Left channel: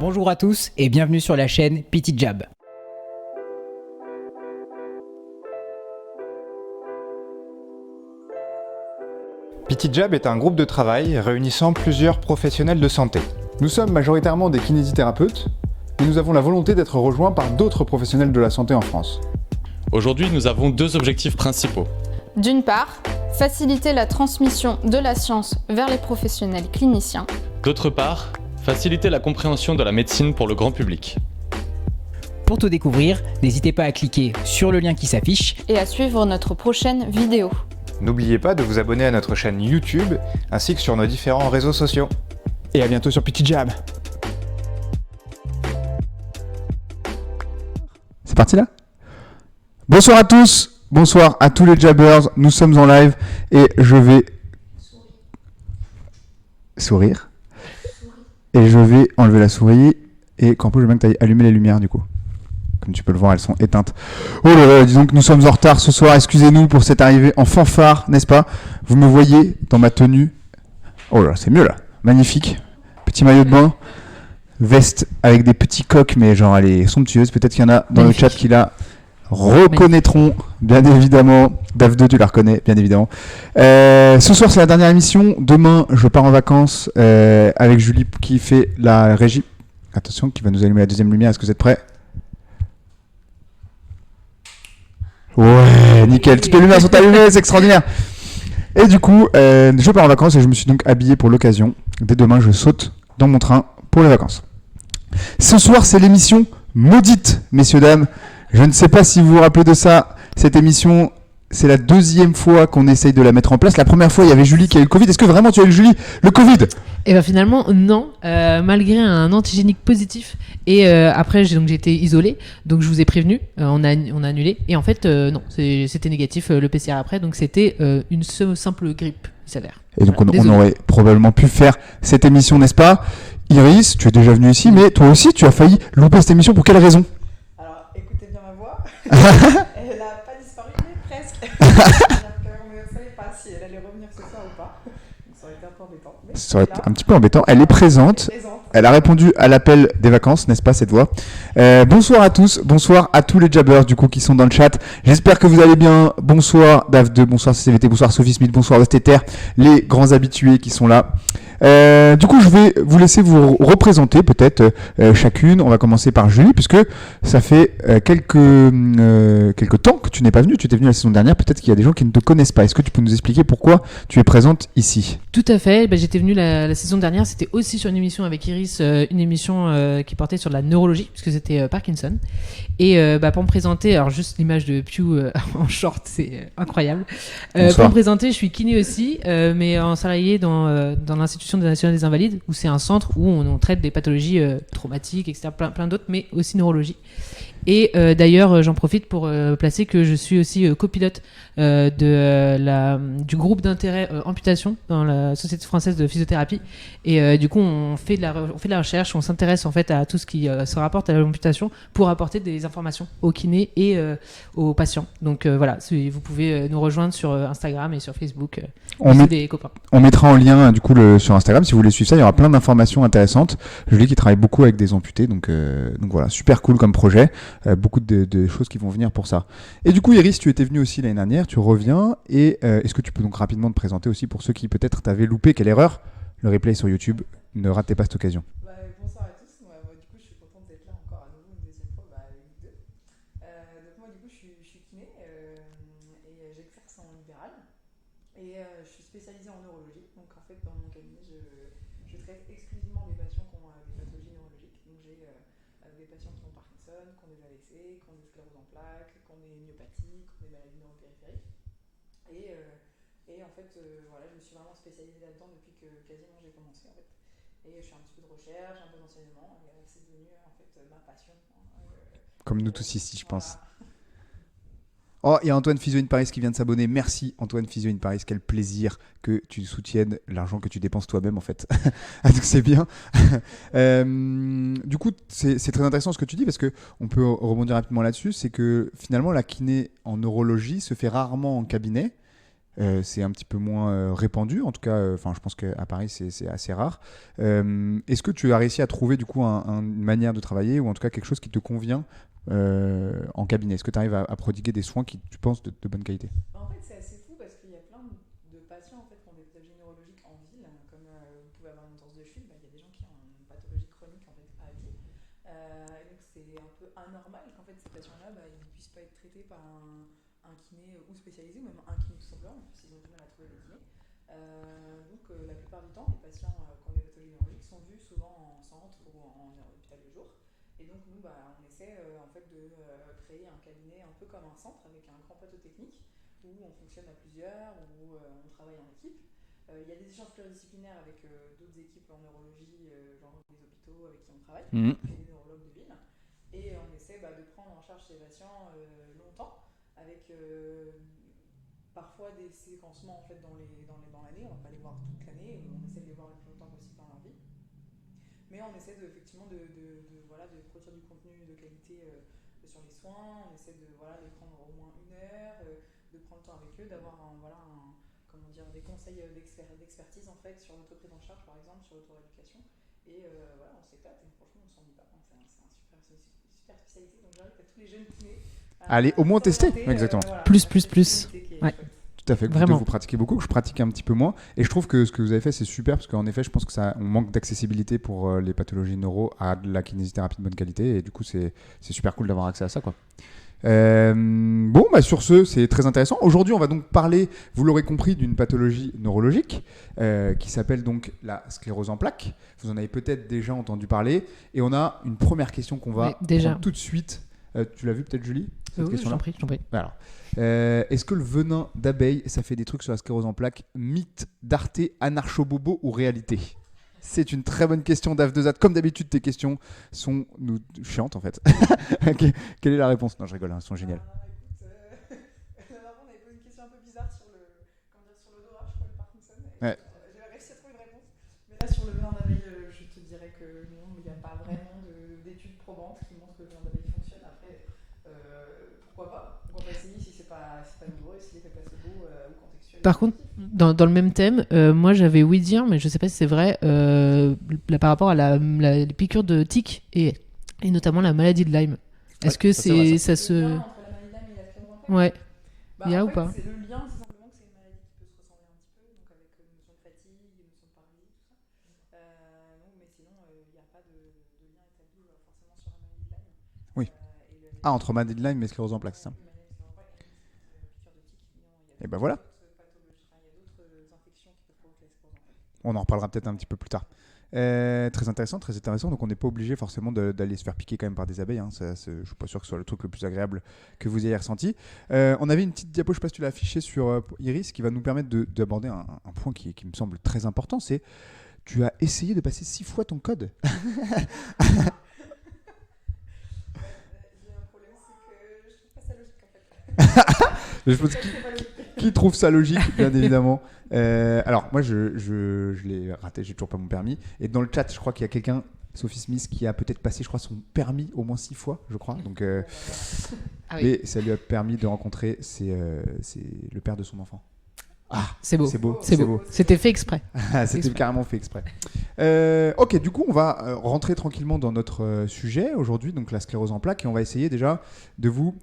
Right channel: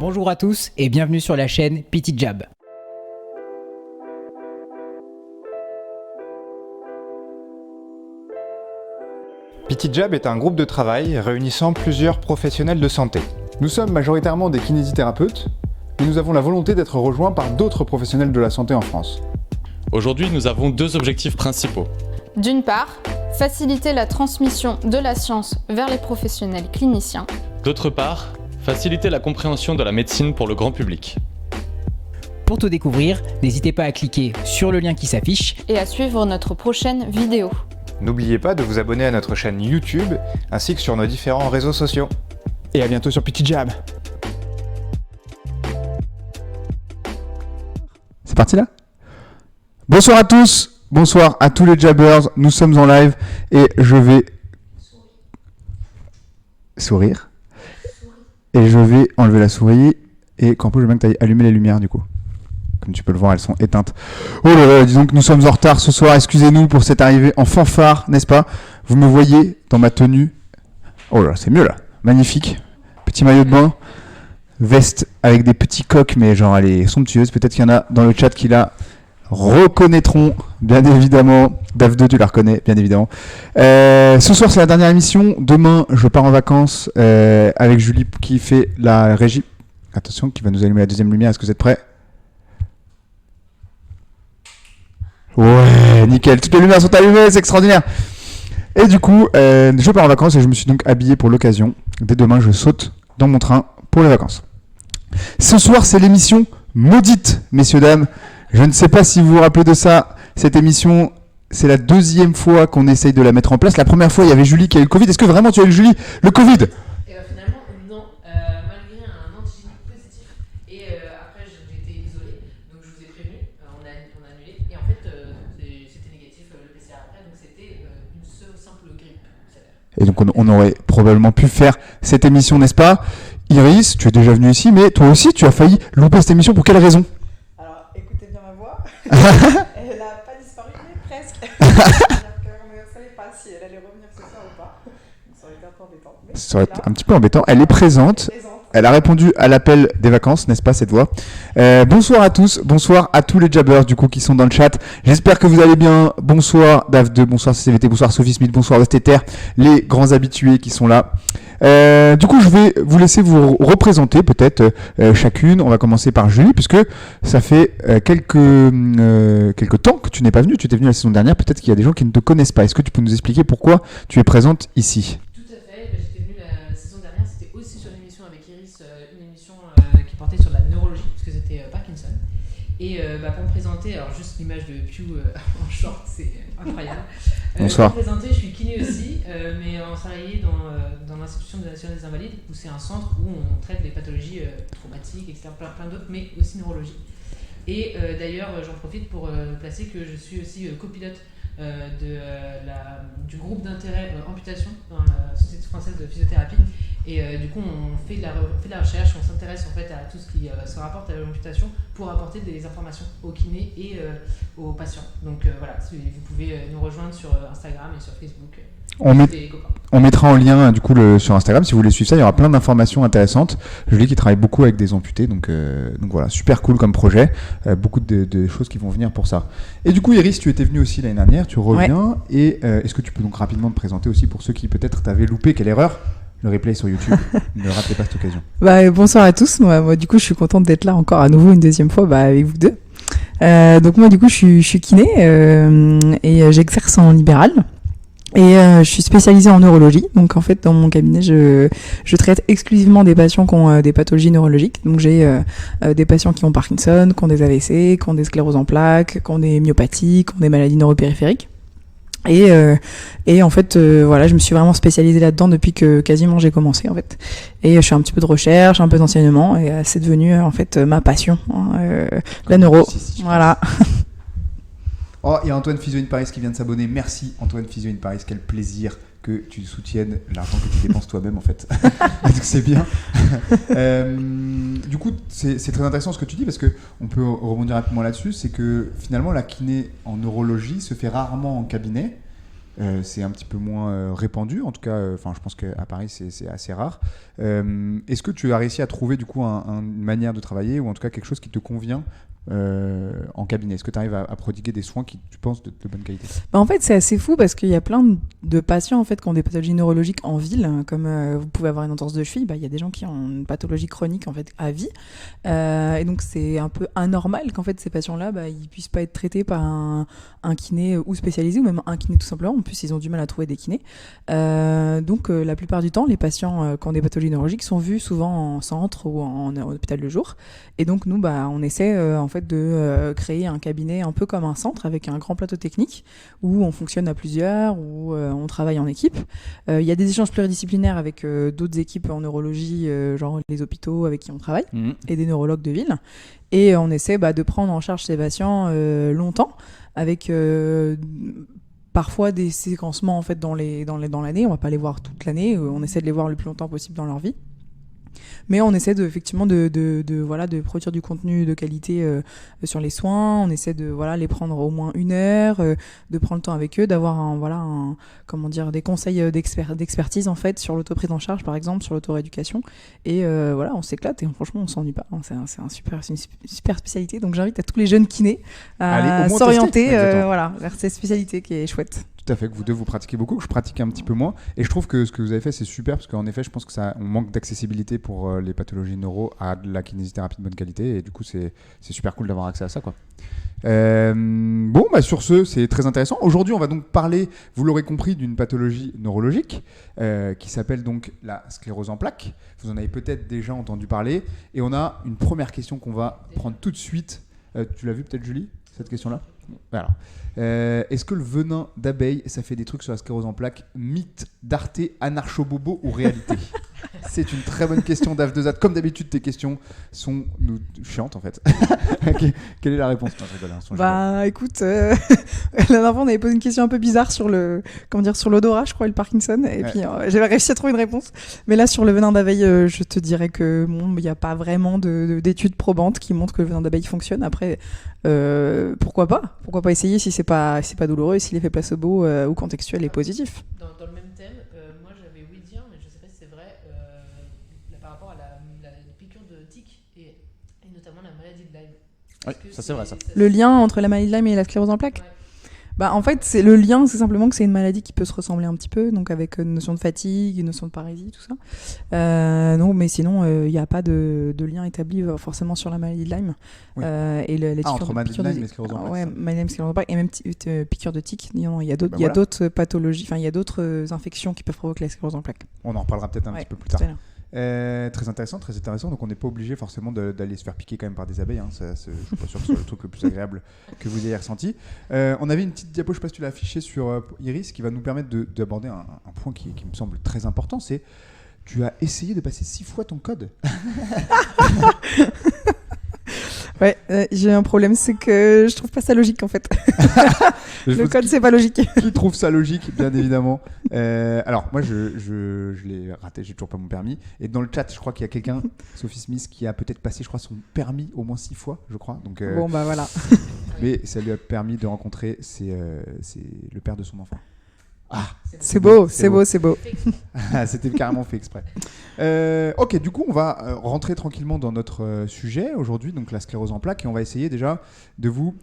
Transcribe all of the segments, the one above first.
Bonjour à tous et bienvenue sur la chaîne Petit Jab. Petit Jab est un groupe de travail réunissant plusieurs professionnels de santé. Nous sommes majoritairement des kinésithérapeutes, mais nous avons la volonté d'être rejoints par d'autres professionnels de la santé en France. Aujourd'hui, nous avons deux objectifs principaux. D'une part, faciliter la transmission de la science vers les professionnels cliniciens. D'autre part, faciliter la compréhension de la médecine pour le grand public. Pour tout découvrir, n'hésitez pas à cliquer sur le lien qui s'affiche Et à suivre notre prochaine vidéo. N'oubliez pas de vous abonner à notre chaîne YouTube, ainsi que sur nos différents réseaux sociaux. Et à bientôt sur Petit Jab. C'est parti là ? Bonsoir à tous, bonsoir à tous les jabbers, nous sommes en live et je vais sourire. Et je vais enlever la souris et Campo, je veux bien que tu ailles allumer les lumières du coup. Comme tu peux le voir, elles sont éteintes. Oh là là, disons que nous sommes en retard ce soir, excusez-nous pour cette arrivée en fanfare, n'est-ce pas ? Vous me voyez dans ma tenue. Oh là, c'est mieux là, magnifique. Petit maillot de bain, veste avec des petits coques, mais genre elle est somptueuse. Peut-être qu'il y en a dans le chat qui la reconnaîtront, bien évidemment. Dave2, tu la reconnais, bien évidemment. Ce soir, c'est la dernière émission. Demain, je pars en vacances avec Julie qui fait la régie. Attention, qui va nous allumer la deuxième lumière. Est-ce que vous êtes prêts ? Ouais, nickel. Toutes les lumières sont allumées, c'est extraordinaire. Et du coup, je pars en vacances et je me suis donc habillé pour l'occasion. Dès demain, je saute dans mon train pour les vacances. Ce soir, c'est l'émission Maudite, messieurs, dames. Je ne sais pas si vous vous rappelez de ça. Cette émission, c'est la deuxième fois qu'on essaye de la mettre en place. La première fois, il y avait Julie qui a eu le Covid. Est-ce que vraiment tu as eu, Julie, le Covid ? Et bien finalement, non. Malgré un antigénique positif. Et après, j'ai été isolée. Donc je vous ai prévenu. On a annulé. Et en fait, non. C'était négatif le PCR après. Donc c'était une simple grippe sévère. Et donc on aurait probablement pu faire cette émission, n'est-ce pas ? Iris, tu es déjà venue ici, mais toi aussi, tu as failli louper cette émission. Pour quelle raison ? Alors, écoutez bien ma voix. Elle n'a pas disparu, mais presque. C'est-à-dire qu'on ne savait pas si elle allait revenir ce soir ou pas. Donc, ça aurait été un peu embêtant. Mais Ça aurait été un petit peu embêtant. Elle est présente. Elle a répondu à l'appel des vacances, n'est-ce pas, cette voix ? Bonsoir à tous, bonsoir à tous les jabbers du coup qui sont dans le chat. J'espère que vous allez bien. Bonsoir Dave2, bonsoir CCVT, bonsoir Sophie Smith, bonsoir Westeter, les grands habitués qui sont là. Du coup, je vais vous laisser vous représenter peut-être chacune. On va commencer par Julie, puisque ça fait quelques temps que tu n'es pas venue. Tu étais venue la saison dernière. Peut-être qu'il y a des gens qui ne te connaissent pas. Est-ce que tu peux nous expliquer pourquoi tu es présente ici ? Tout à fait. J'étais venue la saison dernière. C'était aussi sur une émission avec Iris, une émission qui portait sur la neurologie, puisque c'était Parkinson. Et pour me présenter, alors juste l'image de Pew en short, c'est incroyable. Pour me présenter, je suis kiné aussi, mais en salarié dans l'Institution nationale des invalides, où c'est un centre où on traite des pathologies traumatiques, etc., plein d'autres, mais aussi neurologie. Et d'ailleurs, j'en profite pour placer que je suis aussi copilote du groupe d'intérêt amputation dans la Société française de physiothérapie. Et du coup, on fait de la recherche, on s'intéresse en fait à tout ce qui se rapporte à l'amputation pour apporter des informations aux kinés et aux patients. Donc voilà, vous pouvez nous rejoindre sur Instagram et sur Facebook. On mettra en lien du coup sur Instagram si vous voulez suivre ça. Il y aura plein d'informations intéressantes. Julie qui travaille beaucoup avec des amputés, donc voilà, super cool comme projet. Beaucoup de choses qui vont venir pour ça. Et du coup, Iris, tu étais venue aussi l'année dernière, tu reviens. Ouais. Et est-ce que tu peux donc rapidement te présenter aussi pour ceux qui peut-être t'avaient loupé, quelle erreur ? Le replay sur YouTube, ne ratez pas cette occasion. Bonsoir à tous. Moi, du coup, je suis contente d'être là encore à nouveau une deuxième fois avec vous deux. Donc moi, du coup, je suis kiné et j'exerce en libéral. Et je suis spécialisée en neurologie. Donc en fait, dans mon cabinet, je traite exclusivement des patients qui ont des pathologies neurologiques. Donc j'ai des patients qui ont Parkinson, qui ont des AVC, qui ont des scléroses en plaques, qui ont des myopathies, qui ont des maladies neuropériphériques. Et en fait, voilà, je me suis vraiment spécialisée là-dedans depuis que quasiment j'ai commencé en fait. Et je fais un petit peu de recherche, un peu d'enseignement, et c'est devenu en fait ma passion, la neuro. Voilà. Oh, il y a Antoine Physio in Paris qui vient de s'abonner. Merci Antoine Physio in Paris, quel plaisir que tu soutiennes l'argent que tu dépenses toi-même en fait. Donc c'est bien. Du coup, c'est très intéressant ce que tu dis parce que on peut rebondir rapidement là-dessus. C'est que finalement la kiné en neurologie se fait rarement en cabinet. c'est un petit peu moins répandu. En tout cas, je pense qu'à Paris, c'est assez rare. Est-ce que tu as réussi à trouver du coup une manière de travailler ou en tout cas quelque chose qui te convient en cabinet? Est-ce que tu arrives à prodiguer des soins qui, tu penses, de bonne qualité? En fait, c'est assez fou parce qu'il y a plein de patients en fait, qui ont des pathologies neurologiques en ville, comme vous pouvez avoir une entorse de cheville. Il y a des gens qui ont une pathologie chronique en fait, à vie. Et donc, c'est un peu anormal qu'en fait, ces patients-là, ils ne puissent pas être traités par un kiné ou spécialisé, ou même un kiné tout simplement. En plus, ils ont du mal à trouver des kinés. Donc, la plupart du temps, les patients qui ont des pathologies neurologiques sont vus souvent en centre ou en hôpital de jour. Et donc, nous, on essaie en fait, de créer un cabinet un peu comme un centre avec un grand plateau technique où on fonctionne à plusieurs, où on travaille en équipe. Il y a des échanges pluridisciplinaires avec d'autres équipes en neurologie, genre les hôpitaux avec qui on travaille, et des neurologues de ville. Et on essaie de prendre en charge ces patients longtemps avec parfois des séquencements en fait, dans l'année. On ne va pas les voir toute l'année, on essaie de les voir le plus longtemps possible dans leur vie. Mais on essaie effectivement de produire du contenu de qualité sur les soins. On essaie de les prendre au moins 1 heure, de prendre le temps avec eux, d'avoir des conseils d'expertise en fait sur l'autoprise en charge par exemple, sur l'autorééducation. Et on s'éclate et franchement on s'ennuie pas. C'est une super spécialité. Donc j'invite à tous les jeunes kinés à s'orienter vers cette spécialité qui est chouette. Tout à fait, que vous pratiquez beaucoup, que je pratique un petit peu moins. Et je trouve que ce que vous avez fait, c'est super, parce qu'en effet, je pense on manque d'accessibilité pour les pathologies neuro à de la kinésithérapie de bonne qualité. Et du coup, c'est super cool d'avoir accès à ça, quoi. Sur ce, c'est très intéressant. Aujourd'hui, on va donc parler, vous l'aurez compris, d'une pathologie neurologique qui s'appelle donc la sclérose en plaques. Vous en avez peut-être déjà entendu parler. Et on a une première question qu'on va prendre tout de suite. Tu l'as vu peut-être, Julie, cette question-là? Je t'en prie. Alors, est-ce que le venin d'abeille, ça fait des trucs sur la sclérose en plaques? Mythe, darté, anarcho-bobo ou réalité? C'est une très bonne question d'Af2Zat. Comme d'habitude, tes questions sont chiantes en fait. Quelle est la réponse? Non, je rigole. Écoute, la dernière fois, on avait posé une question un peu bizarre sur sur l'odorat, je crois, et le Parkinson. Et puis, j'avais réussi à trouver une réponse. Mais là, sur le venin d'abeille, je te dirais que il n'y a pas vraiment d'études probantes qui montrent que le venin d'abeille fonctionne. Après, pourquoi pas essayer si c'est pas douloureux et si l'effet placebo ou contextuel est positif. Dans le même thème, moi j'avais ouï dire, mais je sais pas si c'est vrai, par rapport à les piqûres de tiques et notamment la maladie de Lyme. Est-ce que c'est le lien entre la maladie de Lyme et la sclérose en plaques? Ouais. En fait, c'est le lien, c'est simplement que c'est une maladie qui peut se ressembler un petit peu, donc avec une notion de fatigue, une notion de parésie, tout ça. Non, mais sinon, il n'y a pas de lien établi forcément sur la maladie de Lyme. Oui. Entre maladie de Lyme et sclérose en plaques. Maladie de Lyme, sclérose en plaques, et même piqûre de tique. Il y a d'autres pathologies, il y a d'autres infections qui peuvent provoquer la sclérose en plaques. On en reparlera peut-être un petit peu plus tard. Très intéressant. Donc on n'est pas obligé forcément d'aller se faire piquer quand même par des abeilles. Je suis pas sûr que ce soit le truc le plus agréable que vous ayez ressenti. On avait une petite diapo, je sais pas si tu l'as affichée sur Iris, qui va nous permettre d'aborder un point qui me semble très important. C'est tu as essayé de passer 6 fois ton code. Ouais, j'ai un problème, c'est que je trouve pas ça logique en fait. Le code, c'est pas logique. Qui trouve ça logique, bien évidemment. Alors, moi, je l'ai raté, j'ai toujours pas mon permis. Et dans le chat, je crois qu'il y a quelqu'un, Sophie Smith, qui a peut-être passé, je crois, son permis au moins 6 fois, je crois. Donc, voilà. Et ça lui a permis de rencontrer le père de son enfant. Ah, c'est beau. C'était fait exprès. C'était carrément fait exprès. Ok, du coup, on va rentrer tranquillement dans notre sujet aujourd'hui, donc la sclérose en plaques, et on va essayer déjà de vous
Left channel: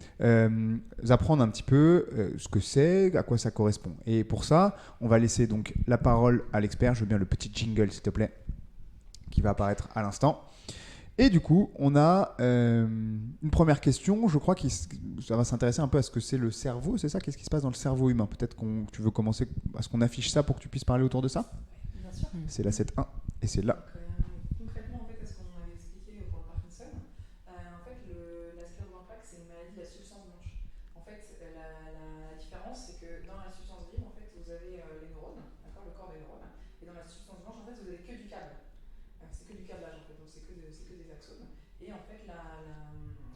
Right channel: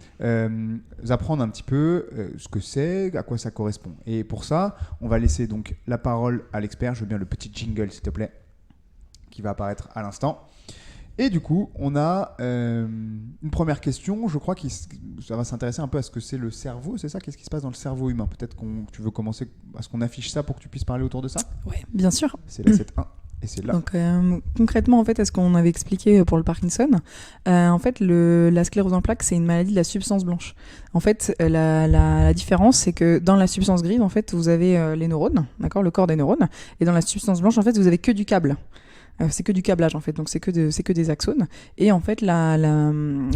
apprendre un petit peu ce que c'est, à quoi ça correspond. Et pour ça, on va laisser donc la parole à l'expert. Je veux bien le petit jingle, s'il te plaît, qui va apparaître à l'instant. Et du coup, on a une première question. Je crois que ça va s'intéresser un peu à ce que c'est le cerveau, c'est ça? Qu'est-ce qui se passe dans le cerveau humain? Peut-être que tu veux commencer à ce qu'on affiche ça pour que tu puisses parler autour de ça? Oui, bien sûr. C'est la 7.1 et c'est là. Donc, concrètement, en fait, à ce qu'on avait expliqué pour le Parkinson, en fait, la sclérose en plaques, c'est une maladie de la substance blanche. En fait, la différence, c'est que dans la substance grise, en fait, vous avez les neurones, d'accord, le corps des neurones, et dans la substance blanche, en fait, vous avez que du câble. c'est que du câblage en fait, donc c'est que des axones. Et en fait, la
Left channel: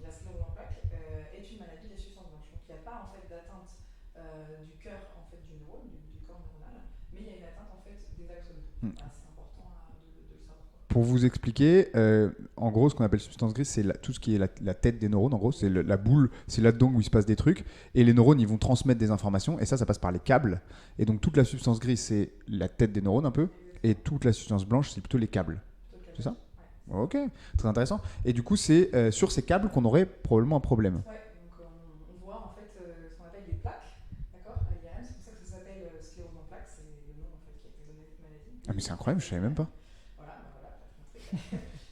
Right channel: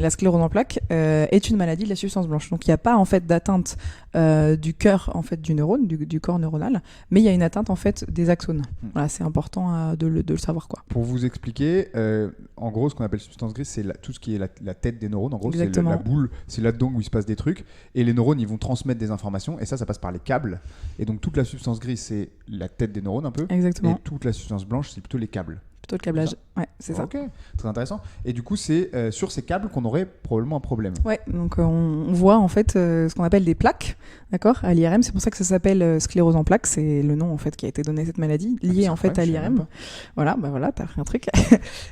sclérose en plaques est une maladie de la substance blanche. Donc il n'y a pas en fait d'atteinte du cœur en fait du neurone, du corps neuronal, mais il y a une atteinte en fait des axones. Voilà, c'est important de le savoir quoi. Pour vous expliquer, en gros, ce qu'on appelle substance grise, c'est tout ce qui est la tête des neurones. En gros, c'est la boule, c'est là-dedans où il se passe des trucs. Et les neurones, ils vont transmettre des informations. Et ça passe par les câbles. Et donc, toute la substance grise, c'est la tête des neurones un peu. Exactement. Et toute la substance blanche, c'est plutôt les câbles. Plutôt le câblage. Ouais, c'est ça. Ok, très intéressant. Et du coup, c'est sur ces câbles qu'on aurait probablement un problème. Ouais, donc on voit en fait ce qu'on appelle des plaques, d'accord, à l'IRM. C'est pour ça que ça s'appelle sclérose en plaques. C'est le nom en fait qui a été donné à cette maladie, liée en fait à l'IRM. Voilà, t'as appris un truc.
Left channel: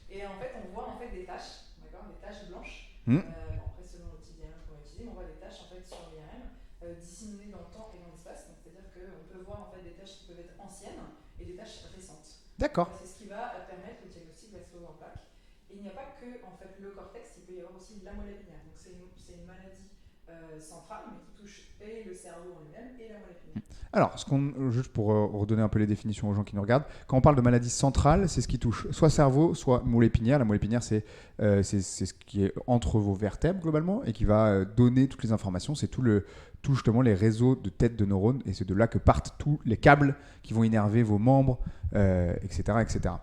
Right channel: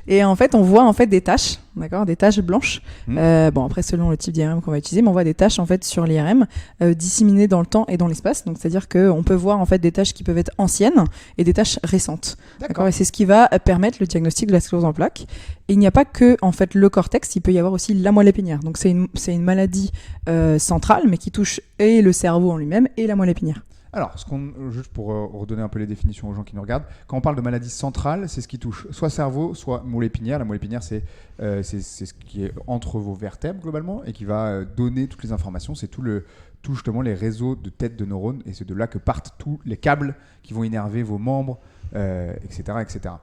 Et en fait, on voit en fait des taches, d'accord, des taches blanches. Bon, après selon le type d'IRM qu'on va utiliser, mais on voit des taches en fait sur l'IRM disséminées dans le temps et dans l'espace. Donc c'est-à-dire qu'on peut voir en fait des taches qui peuvent être anciennes et des taches récentes. D'accord. Et c'est ce qui va permettre le diagnostic de la sclérose en plaques. Et il n'y a pas que en fait le cortex, il peut y avoir aussi la moelle épinière. Donc c'est une maladie centrale, mais qui touche et le cerveau en lui-même et la moelle épinière. Alors, juste pour redonner un peu les définitions aux gens qui nous regardent, quand on parle de maladie centrale, c'est ce qui touche soit cerveau, soit moelle épinière. La moelle épinière, c'est ce qui est entre vos vertèbres globalement et qui va donner toutes les informations. C'est tout justement les réseaux de tête de neurones, et c'est de là que partent tous les câbles qui vont innerver vos membres, etc. etc.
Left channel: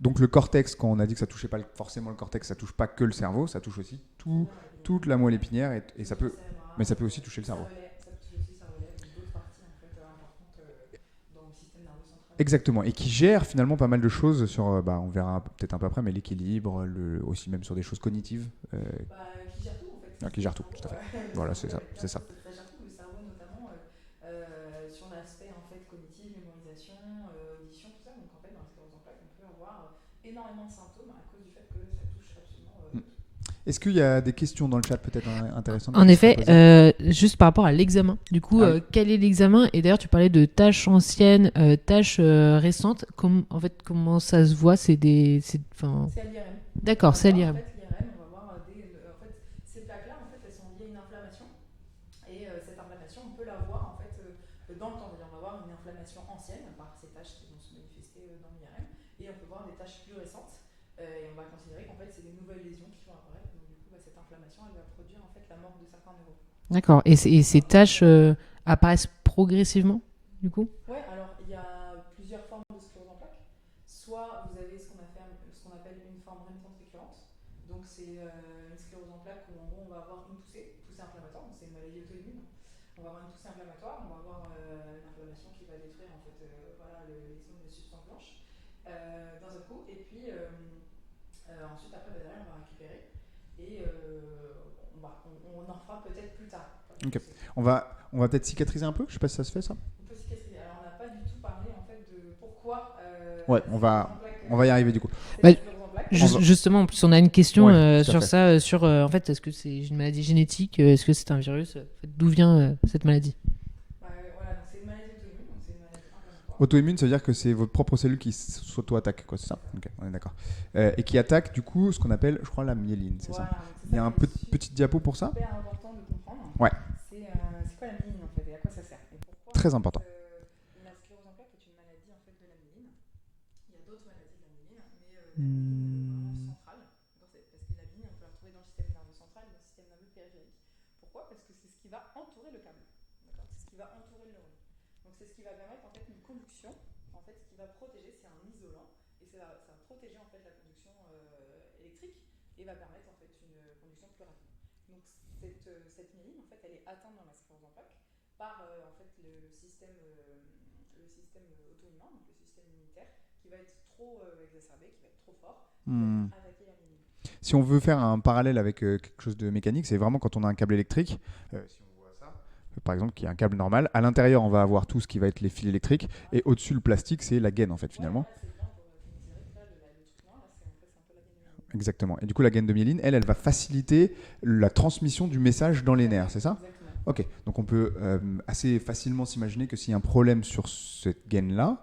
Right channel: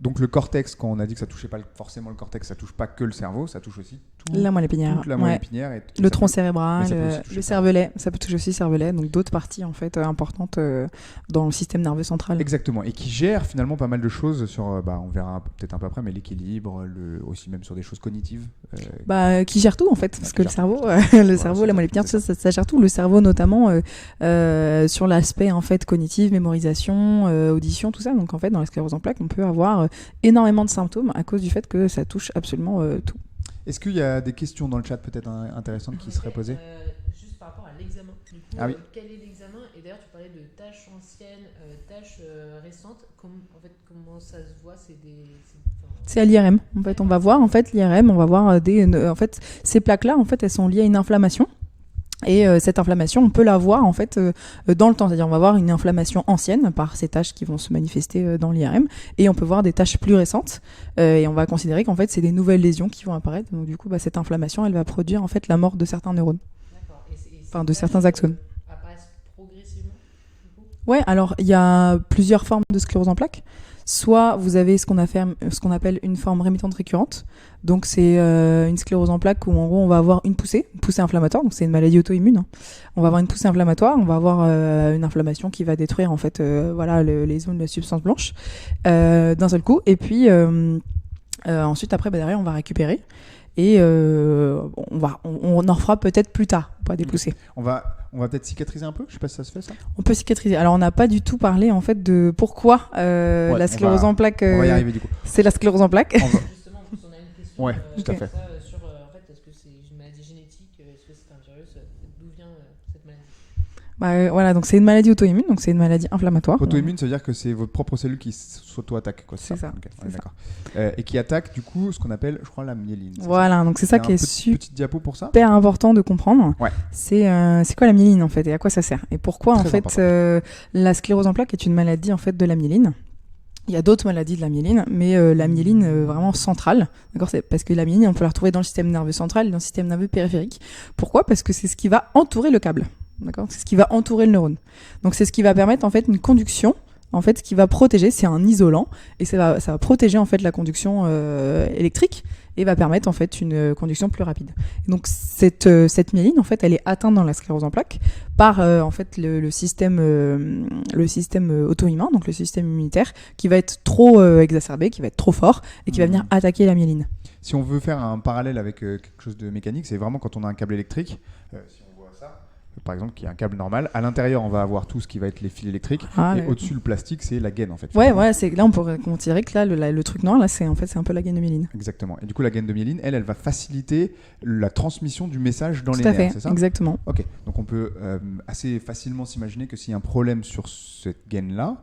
Donc le cortex, quand on a dit que ça touchait pas forcément le cortex, ça touche pas que le cerveau, ça touche aussi la moelle épinière, toute la moelle épinière et le tronc cérébral, le cervelet, ça peut toucher aussi le cervelet, donc d'autres parties en fait importantes dans le système nerveux central. Exactement, et qui gère finalement pas mal de choses sur, on verra peut-être un peu après, mais l'équilibre, aussi même sur des choses cognitives. Qui gère tout en fait, parce que le cerveau, la moelle épinière, ça gère tout. Le cerveau notamment sur l'aspect en fait cognitif, mémorisation, audition, tout ça. Donc en fait dans la sclérose en plaques, on peut avoir énormément de symptômes à cause du fait que ça touche absolument tout. Est-ce qu'il y a des questions dans le chat peut-être intéressantes? En effet, juste par rapport à l'examen. Du coup, quel est l'examen? Et d'ailleurs, tu parlais de tâches anciennes, tâches récentes. Comment ça se voit? C'est à l'IRM. D'accord, on va voir en fait l'IRM. On va voir en fait ces plaques-là. En fait, elles sont liées à une inflammation. Et cette inflammation, on peut la voir en fait dans le temps, c'est-à-dire on va voir une inflammation ancienne par ces taches qui vont se manifester dans l'IRM, et on peut voir des taches plus récentes, et on va considérer qu'en fait c'est des nouvelles lésions qui vont apparaître. Donc du coup, cette inflammation, elle va produire en fait la mort de certains neurones. D'accord. Et ces taches apparaissent progressivement, du coup? Ouais. Alors il y a plusieurs formes de sclérose en plaques. Soit vous avez ce qu'on appelle une forme rémitante récurrente. Donc c'est une sclérose en plaques où en gros on va avoir une poussée inflammatoire. Donc c'est une maladie auto-immune. On va avoir une poussée inflammatoire, on va avoir une inflammation qui va détruire en fait les zones de la substance blanche d'un seul coup. Et puis ensuite après derrière on va récupérer. Et on en refera peut-être plus tard, pas des poussées. On va peut-être cicatriser un peu. Je sais pas si ça se fait ça. On peut cicatriser. Alors on n'a pas du tout parlé en fait de pourquoi la sclérose en plaques. On va y arriver du coup. C'est la sclérose en plaques. Justement, en plus on a une question sur ça, en fait est-ce que c'est une maladie génétique, est-ce que c'est un virus, d'où vient cette maladie? Voilà, donc c'est une maladie auto-immune, donc c'est une maladie inflammatoire. Auto-immune, ça veut dire que c'est votre propre cellule qui s'auto-attaque, quoi, c'est ça? Okay, on est d'accord. Et qui attaque du coup ce qu'on appelle, je crois, la myéline. Voilà, donc c'est ça qui est petite diapo pour ça. Super important de comprendre. Ouais. C'est quoi la myéline en fait et à quoi ça sert et pourquoi en fait la sclérose en plaques est une maladie en fait de la myéline. Il y a d'autres maladies de la myéline, mais la myéline vraiment centrale, d'accord, c'est parce que la myéline on peut la retrouver dans le système nerveux central et dans le système nerveux périphérique. Pourquoi? Parce que c'est ce qui va entourer le câble. D'accord, c'est ce qui va entourer le neurone. Donc c'est ce qui va permettre en fait une conduction, en fait ce qui va protéger, c'est un isolant et ça va protéger en fait la conduction électrique et va permettre en fait une conduction plus rapide. Et donc cette myéline en fait elle est atteinte dans la sclérose en plaques par en fait le système auto-immun, donc le système immunitaire qui va être trop exacerbé, qui va être trop fort et qui va venir attaquer la myéline. Si on veut faire un parallèle avec quelque chose de mécanique, c'est vraiment quand on a un câble électrique. Par exemple, qui est un câble normal. À l'intérieur, on va avoir tout ce qui va être les fils électriques. Et au-dessus, le plastique, c'est la gaine, en fait. Ouais, là, on pourrait considérer que là, le truc noir, là, c'est un peu la gaine de myéline. Exactement. Et du coup, la gaine de myéline, elle va faciliter la transmission du message dans les nerfs, c'est ça? Exactement. Ok. Donc, on peut assez facilement s'imaginer que s'il y a un problème sur cette gaine-là,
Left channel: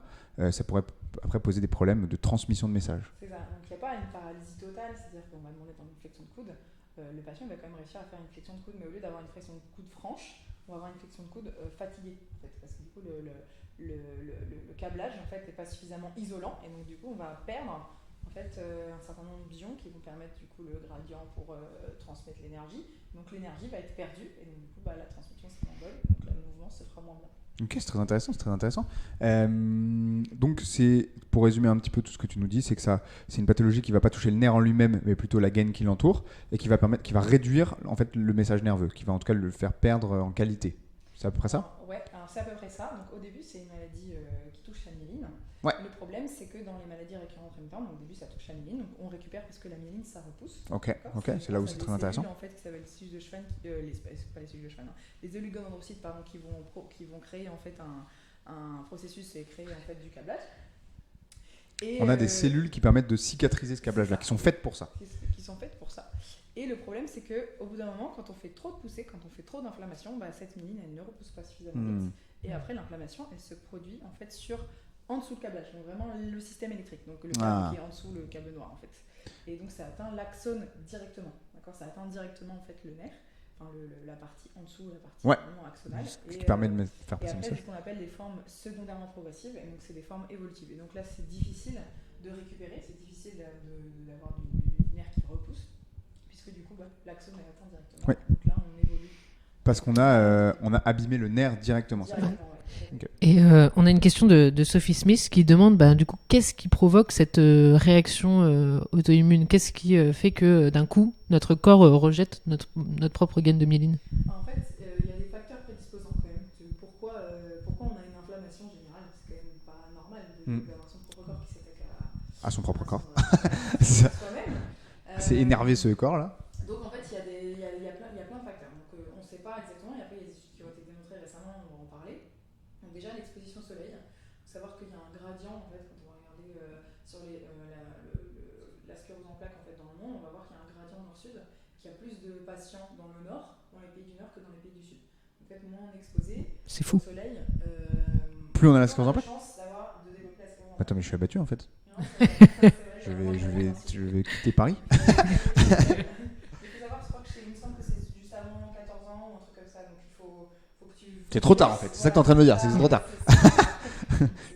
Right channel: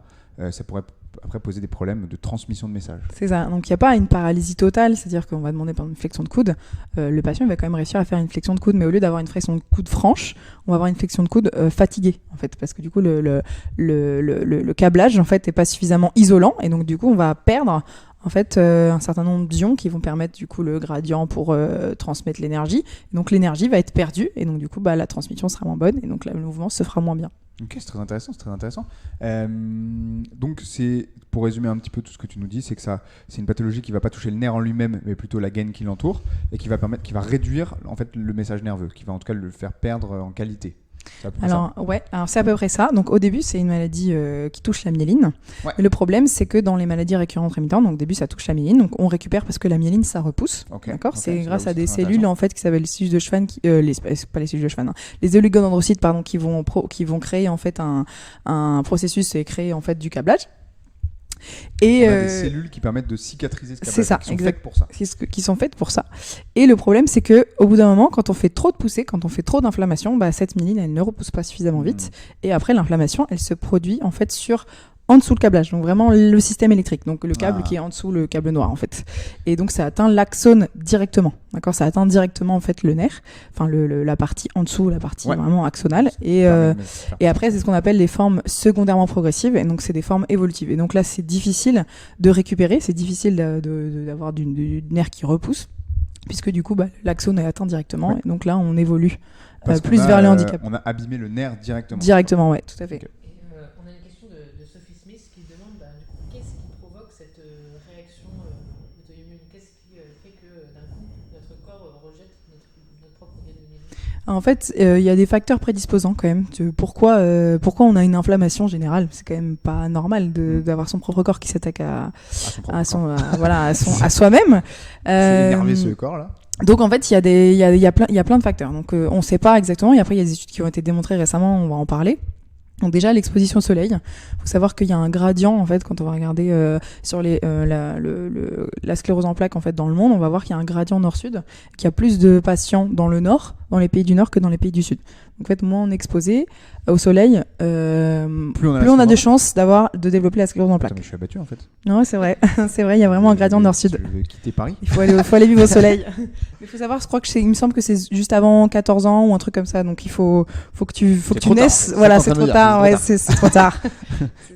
ça pourrait après poser des problèmes de transmission de messages. C'est ça. Donc il n'y a pas une paralysie totale, c'est-à-dire qu'on va demander par exemple une flexion de coude. Le patient il va quand même réussir à faire une flexion de coude, mais au lieu d'avoir une flexion de coude franche, on va avoir une flexion de coude fatiguée en fait, parce que du coup le câblage en fait n'est pas suffisamment isolant et donc du coup on va perdre en fait un certain nombre d'ions qui vont permettre du coup le gradient pour transmettre l'énergie. Donc l'énergie va être perdue et donc du coup la transmission sera moins bonne et donc le mouvement se fera moins bien. Ok, c'est très intéressant, c'est très intéressant. Donc c'est, pour résumer un petit peu tout ce que tu nous dis, c'est que c'est une pathologie qui va pas toucher le nerf en lui-même, mais plutôt la gaine qui l'entoure et qui va réduire en fait le message nerveux, qui va en tout cas le faire perdre en qualité. C'est à peu près ça. Alors c'est à peu près ça. Donc au début, c'est une maladie qui touche la myéline. Ouais. Mais le problème, c'est que dans les maladies récurrentes rémittentes, donc au début, ça touche la myéline. Donc on récupère parce que la myéline, ça repousse. D'accord. C'est grâce à des cellules en fait qui s'appellent les cellules de Schwann, pas les cellules de Schwann, les oligodendrocytes qui vont créer en fait un processus et créer en fait du câblage. Et on a des cellules qui permettent de cicatriser ce câblage, qui sont faites pour ça. Qui sont faites pour ça. Et le problème, c'est que au bout d'un moment, quand on fait trop de poussée, quand on fait trop d'inflammation, cette myéline, elle ne repousse pas suffisamment vite. Et après, l'inflammation, elle se produit en fait en dessous le câblage, donc vraiment le système électrique, donc le câble qui est en dessous le câble noir en fait. Et donc ça atteint l'axone directement, d'accord, ça atteint directement en fait le nerf, enfin la partie en dessous, la partie vraiment axonale. Et après c'est ce qu'on appelle les formes secondairement progressives, et donc c'est des formes évolutives. Et donc là c'est difficile de récupérer, c'est difficile d'avoir du nerf qui repousse, puisque du coup l'axone est atteint directement, et donc là on évolue. Parce plus vers le handicap. On a abîmé le nerf directement. Directement, ouais, tout à fait. Okay. Et on a une question de Sophie Smith qui demande du coup, qu'est-ce qui provoque cette réaction auto-immune ? Qu'est-ce qui fait que d'un coup, notre corps rejette notre propre gaine de myéline ? En fait, il y a des facteurs prédisposants quand même. Pourquoi on a une inflammation générale ? C'est quand même pas normal d'avoir son propre corps qui s'attaque à soi-même. C'est énervé ce corps-là. Donc en fait, il y a plein de facteurs. Donc on ne sait pas exactement. Et après, il y a des études qui ont été démontrées récemment. On va en parler. Donc déjà, l'exposition au soleil. Il faut savoir qu'il y a un gradient en fait quand on va regarder sur la sclérose en plaques en fait dans le monde. On va voir qu'il y a un gradient nord-sud. Qu'il y a plus de patients dans le nord, dans les pays du nord, que dans les pays du sud. Donc en fait, moins on est exposé au soleil, plus on a de chances de développer la sclérose en plaques. Attends, mais je suis abattu en fait. Non, c'est vrai. C'est vrai, il y a vraiment un gradient nord-sud. Je vais quitter Paris. Il faut aller vivre au soleil. Il faut savoir, je crois il me semble que c'est juste avant 14 ans ou un truc comme ça. Donc il faut que tu naisses. Tard, voilà, c'est trop tard. Ouais, c'est trop tard.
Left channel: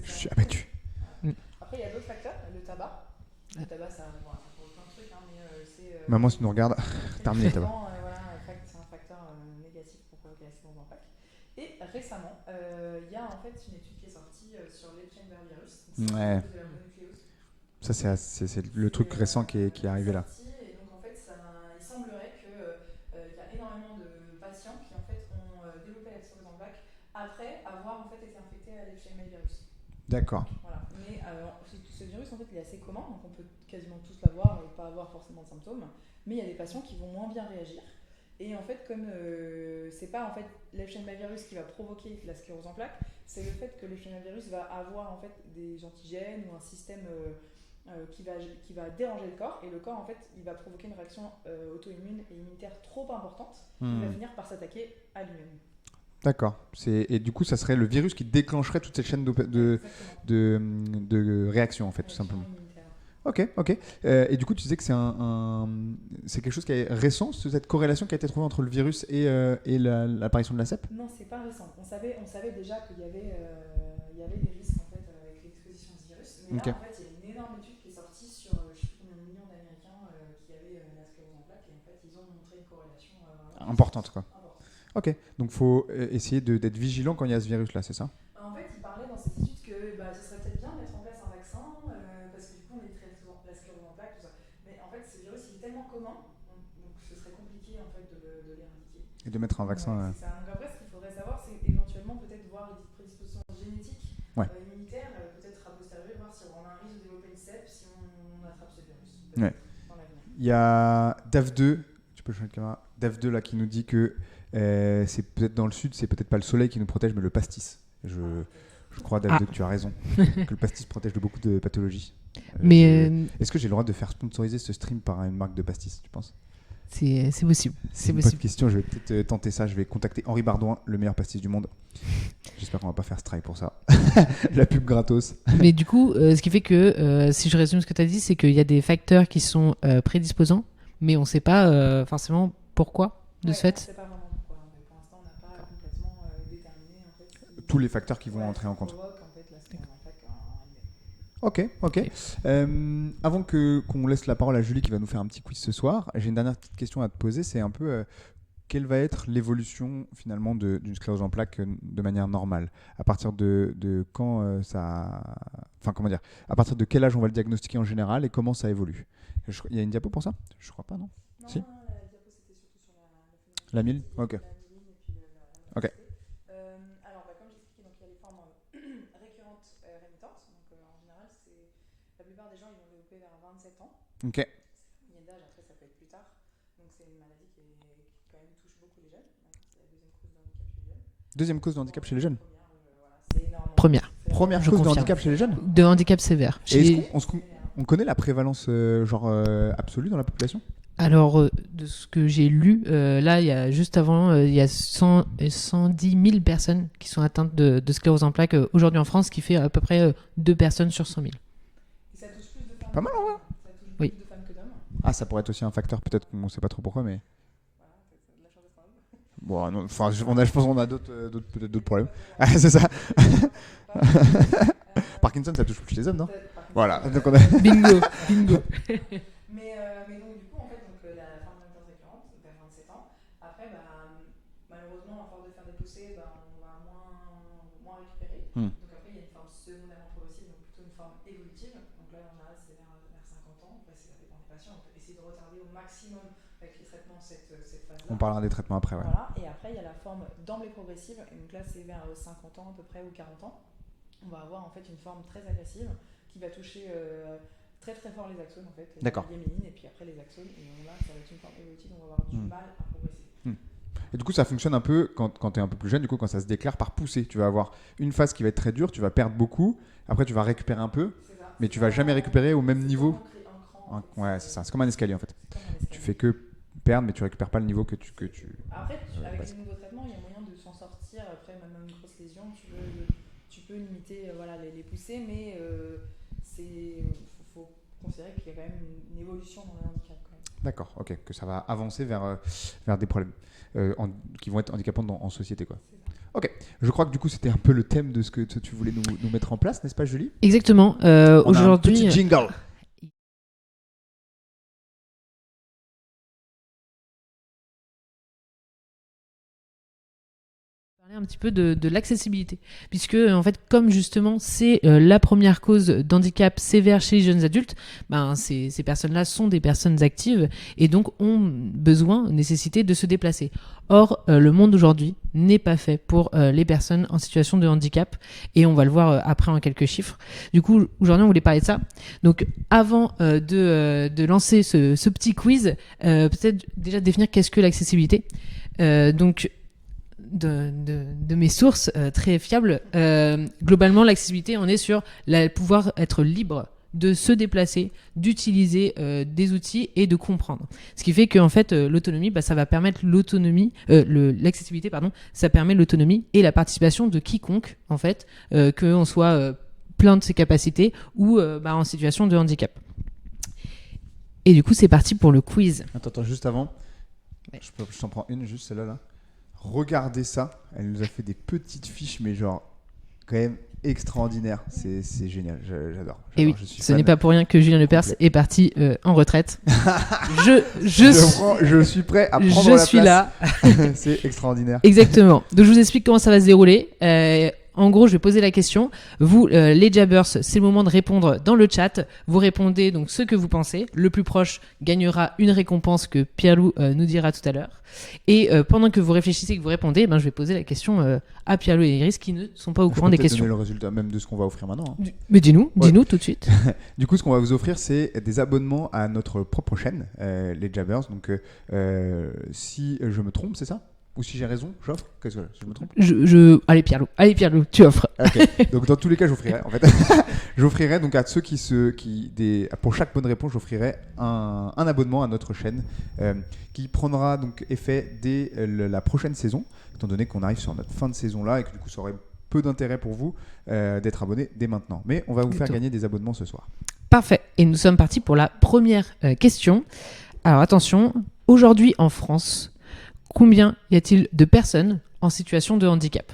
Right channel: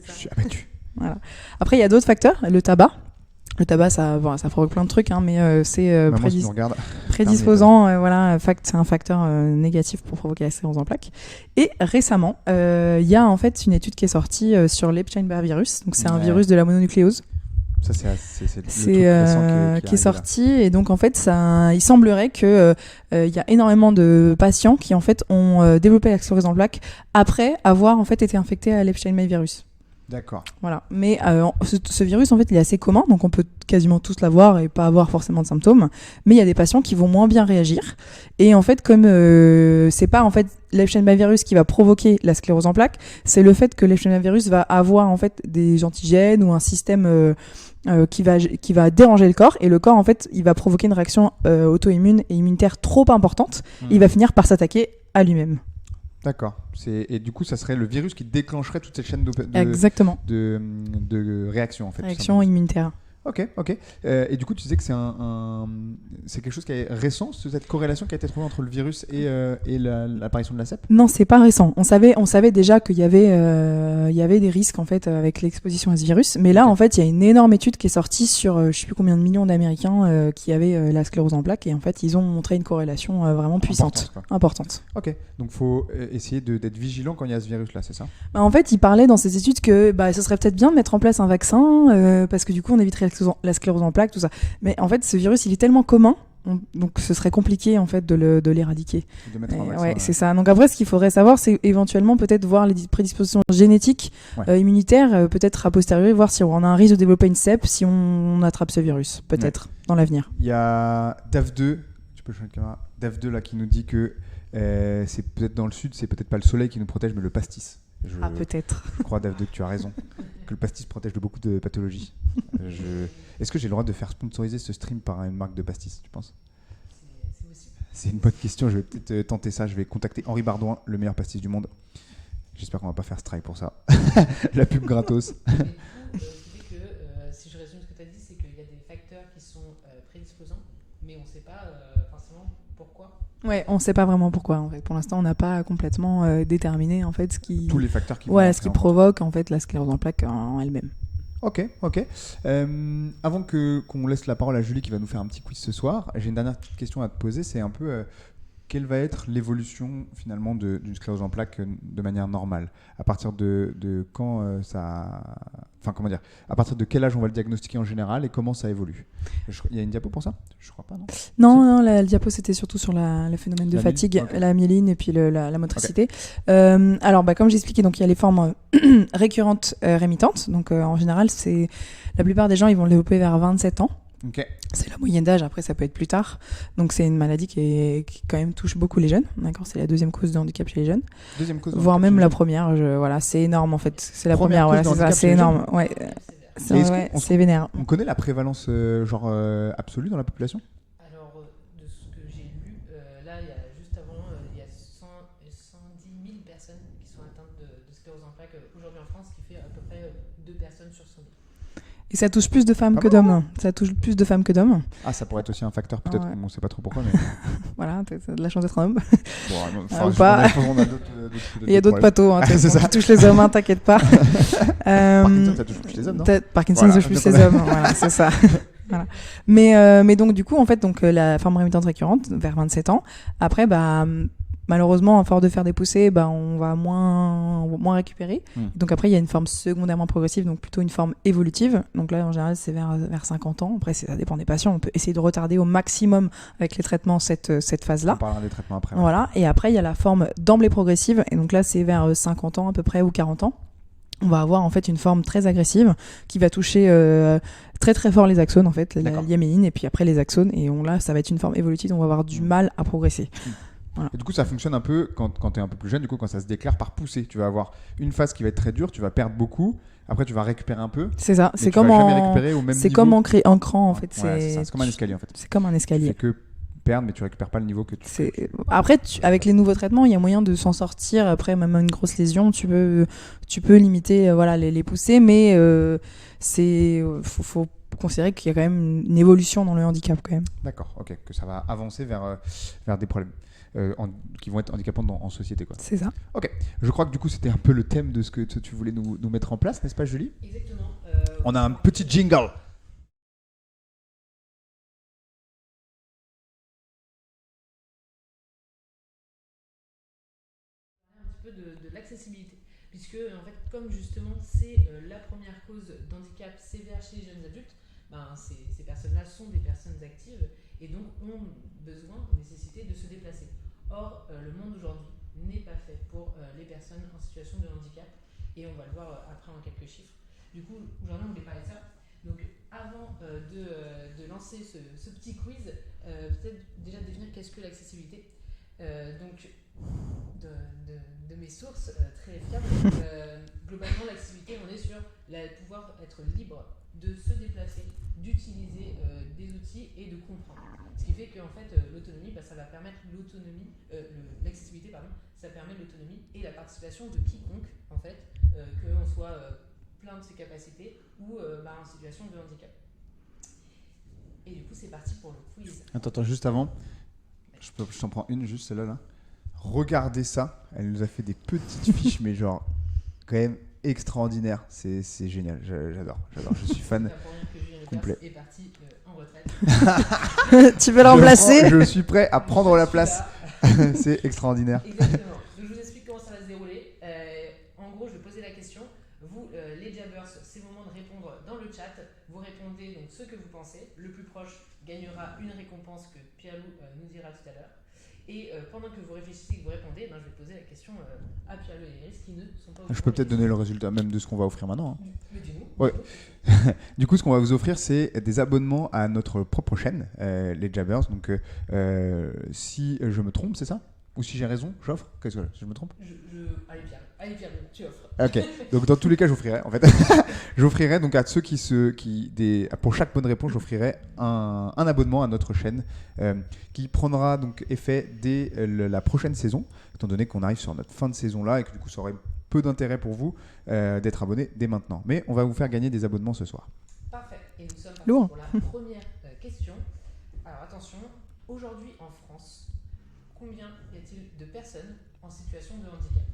Je suis abattu. Voilà. Après, il y a d'autres facteurs. Le tabac. Le tabac, ça provoque plein de trucs, mais c'est Maman, si tu nous regardes, prédisposant. C'est un facteur négatif pour provoquer la sclérose en plaques. Et récemment, il y a en fait une étude qui est sortie sur l'Epstein-Barr virus. Donc c'est un virus de la mononucléose. Ça, c'est le truc récent qui est sorti. Et donc, en fait, il semblerait qu'il y a énormément de patients qui, en fait, ont développé la sclérose en plaques après avoir, en fait, été infectés à l'Epstein-Barr virus. D'accord. Voilà. Mais ce virus, en fait, il est assez commun, donc on peut quasiment tous l'avoir et pas avoir forcément de symptômes. Mais il y a des patients qui vont moins bien réagir. Et en fait, comme c'est pas en fait l'Epstein-Barr virus qui va provoquer la sclérose en plaques, c'est le fait que l'Epstein-Barr virus va avoir en fait des antigènes ou un système qui va déranger le corps, et le corps en fait, il va provoquer une réaction auto-immune et immunitaire trop importante. Et il va finir par s'attaquer à lui-même. D'accord. Et du coup, ça serait le virus qui déclencherait toute cette chaîne Exactement. de réaction en fait. Réaction immunitaire. Ok. Et du coup, tu disais que c'est quelque chose qui est récent, cette corrélation qui a été trouvée entre le virus et l'apparition de la CEP ? Non, c'est pas récent. On savait déjà qu'il y avait des risques en fait avec l'exposition à ce virus, mais là en fait, il y a une énorme étude qui est sortie sur je sais plus combien de millions d'Américains qui avaient la sclérose en plaques, et en fait, ils ont montré une corrélation vraiment puissante, importante. Ok. Donc, faut essayer d'être vigilant quand il y a ce virus-là, c'est ça ? En fait, ils parlaient dans ces études que ce serait peut-être bien de mettre en place un vaccin parce que du coup, on éviterait la sclérose en plaques, tout ça. Mais en fait, ce virus, il est tellement commun, donc ce serait compliqué en fait de l'éradiquer. De mettre un vaccin. Ouais, c'est ça. Donc après, ce qu'il faudrait savoir, c'est éventuellement peut-être voir les prédispositions génétiques, immunitaires, peut-être a posteriori, voir si on a un risque de développer une CEP si on attrape ce virus, peut-être dans l'avenir. Il y a DAF2, tu peux changer de caméra, DAF2 là qui nous dit que c'est peut-être dans le sud, c'est peut-être pas le soleil qui nous protège, mais le pastis. Peut-être. Je crois, DAF2, que tu as raison, que le pastis protège de beaucoup de pathologies. Est-ce que j'ai le droit de faire sponsoriser ce stream par une marque de pastis, tu penses ? C'est possible. C'est une bonne question, je vais peut-être tenter ça. Je vais contacter Henri Bardouin, le meilleur pastis du monde. J'espère qu'on va pas faire strike pour ça. La pub gratos. Mais du coup, ce qui fait que, si je résume ce que tu as dit, c'est qu'il y a des facteurs qui sont prédisposants, mais on ne sait pas forcément pourquoi. de Ouais, fait. on ne sait pas vraiment pourquoi. En fait. Pour l'instant, on n'a pas complètement déterminé en fait, ce qui, Tous les facteurs qui vont ce entrer qui en compte. provoque en fait, la sclérose en plaques en elle-même. Ok. Avant qu'on laisse la parole à Julie qui va nous faire un petit quiz ce soir, j'ai une dernière petite question à te poser. C'est un peu quelle va être l'évolution finalement d'une sclérose en plaques de manière normale? À partir de quand ça... Enfin, comment dire? À partir de quel âge on va le diagnostiquer en général et comment ça évolue? Il y a une diapo pour ça? Je crois pas, non? Non, le diapo c'était surtout sur le phénomène de La myéline, fatigue, ok. la myéline et puis la motricité. Alors, comme j'expliquais, donc il y a les formes récurrentes rémitantes. Donc en général, c'est la plupart des gens ils vont le développer vers 27 ans. Ok. C'est la moyenne d'âge, après ça peut être plus tard. Donc c'est une maladie qui quand même touche beaucoup les jeunes. D'accord, c'est la deuxième cause de handicap chez les jeunes. Deuxième cause de Voire handicap même chez les la jeunes. première. Voilà, c'est énorme. En Première. fait. C'est la Première première, cause de handicap c'est chez les jeunes. énorme. De Ouais. handicap sévère. Et est-ce Ouais, qu'on- c'est vénère. On connaît la prévalence absolue dans la population? Alors, de ce que j'ai lu, là, il y a juste avant, il y a 110 000 personnes qui sont atteintes de sclérose en plaques aujourd'hui en France, ce qui fait à peu près 2 personnes sur 100 000. Et ça touche plus de femmes Pas que mal, d'hommes. Ça touche plus de femmes que d'hommes. Ah, ça pourrait être aussi un facteur, peut-être Ouais. qu'on ne sait pas trop pourquoi, mais... Voilà, t'as de la chance d'être un homme. Bon, non, Ou enfin, pas. je pense qu'on a d'autres Il y a d'autres problèmes. pathos hein, Ah, c'est ça. qui touchent les hommes, hein, t'inquiète pas. Parkinson, ça touche plus les hommes, non? Parkinson Voilà, touche plus donc les on a- hommes. Voilà, c'est ça. Voilà. Mais donc, du coup, en fait, la forme rémitante récurrente, vers 27 ans, après, malheureusement, à force de faire des poussées, on va moins récupérer. Donc après, il y a une forme secondairement progressive, donc plutôt une forme évolutive. Donc là, en général, c'est vers 50 ans. Après, ça dépend des patients. On peut essayer de retarder au maximum avec les traitements cette phase-là. On parlera des traitements après. ouais. Voilà. Et après, il y a la forme d'emblée progressive. Et donc là, c'est vers 50 ans à peu près ou 40 ans. On va avoir en fait une forme très agressive qui va toucher très très fort les axones en fait, la D'accord. myéline et puis après les axones. Et là, ça va être une forme évolutive. On va avoir du mal à progresser. Et du coup, ça fonctionne un peu quand tu es un peu plus jeune, du coup, quand ça se déclare par poussée. Tu vas avoir une phase qui va être très dure, tu vas perdre beaucoup, après tu vas récupérer un peu, C'est ça. mais C'est tu vas comme jamais récupérer au même niveau. C'est comme en cran en Ouais, fait. ouais, c'est ça. C'est comme un escalier en fait. C'est comme un Tu escalier. fais que perdre, mais tu récupères pas le niveau que tu fais. Après, avec les nouveaux traitements, il y a moyen de s'en sortir. Après, même une grosse lésion, tu peux limiter les poussées, mais faut considérer qu'il y a quand même une évolution dans le handicap quand même. D'accord, ok, que ça va avancer vers des problèmes qui vont être handicapants en société, quoi. C'est ça. Ok, je crois que du coup c'était un peu le thème de ce que tu voulais nous mettre en place, n'est-ce pas, Julie? Exactement. On a un Aujourd'hui, petit jingle. un petit peu de l'accessibilité, puisque en fait, comme justement c'est la première cause d'handicap sévère chez les jeunes adultes, ces personnes-là sont des personnes actives et donc ont besoin, nécessité de se déplacer. Or, le monde d'aujourd'hui n'est pas fait pour les personnes en situation de handicap et on va le voir après en quelques chiffres. Du coup, aujourd'hui, on voulait parler de ça. Donc, avant de lancer ce petit quiz, peut-être déjà définir qu'est-ce que l'accessibilité. Donc, de mes sources très fiables, globalement l'accessibilité on est sur pouvoir être libre de se déplacer, d'utiliser des outils et de comprendre. Ce qui fait que en fait l'autonomie, ça va permettre l'accessibilité, ça permet l'autonomie et la participation de quiconque en fait, qu'on soit plein de ses capacités ou en situation de handicap. Et du coup c'est parti pour le quiz. Attends, juste avant, Ouais. je t'en prends une, juste celle-là. Là. Regardez ça, elle nous a fait des petites fiches, mais genre quand même extraordinaire. C'est génial, j'adore. Et oui, je suis ce fan. n'est pas pour rien que Julien Lepers complet. est parti en retraite. Tu veux l'emplacer? Je suis prêt à prendre la suis place. là. C'est extraordinaire. Exactement. Donc je vous explique comment ça va se dérouler. En gros, je vais poser la question. Vous, les Jabbers, c'est le moment de répondre dans le chat. Vous répondez donc ce que vous pensez. Le plus proche gagnera une récompense que Pierre-Loup nous dira tout à l'heure. Et pendant que vous réfléchissez et que vous répondez, je vais poser la question à Pierre-Loup et Iris qui ne sont pas au Je courant peux des peut-être questions. donner le résultat même de ce qu'on va offrir maintenant. hein. Mais dis-nous Ouais. tout de suite. Du coup, ce qu'on va vous offrir, c'est des abonnements à notre propre chaîne, les Jabbers. Donc, si je me trompe, c'est ça? Ou si j'ai raison, j'offre? Qu'est-ce que je me trompe? Allez Pierre-Loup, tu offres. Ok. Donc, dans tous les cas, j'offrirai. En fait, j'offrirai donc à ceux pour chaque bonne réponse, j'offrirai un abonnement à notre chaîne qui prendra donc effet dès la prochaine saison, étant donné qu'on arrive sur notre fin de saison là et que du coup, ça aurait peu d'intérêt pour vous d'être abonné dès maintenant. Mais on va vous faire gagner des abonnements ce soir. Parfait. Et nous sommes partis Lourd. pour la première question. Alors attention, aujourd'hui en France, combien y a-t-il de personnes en situation de handicap ?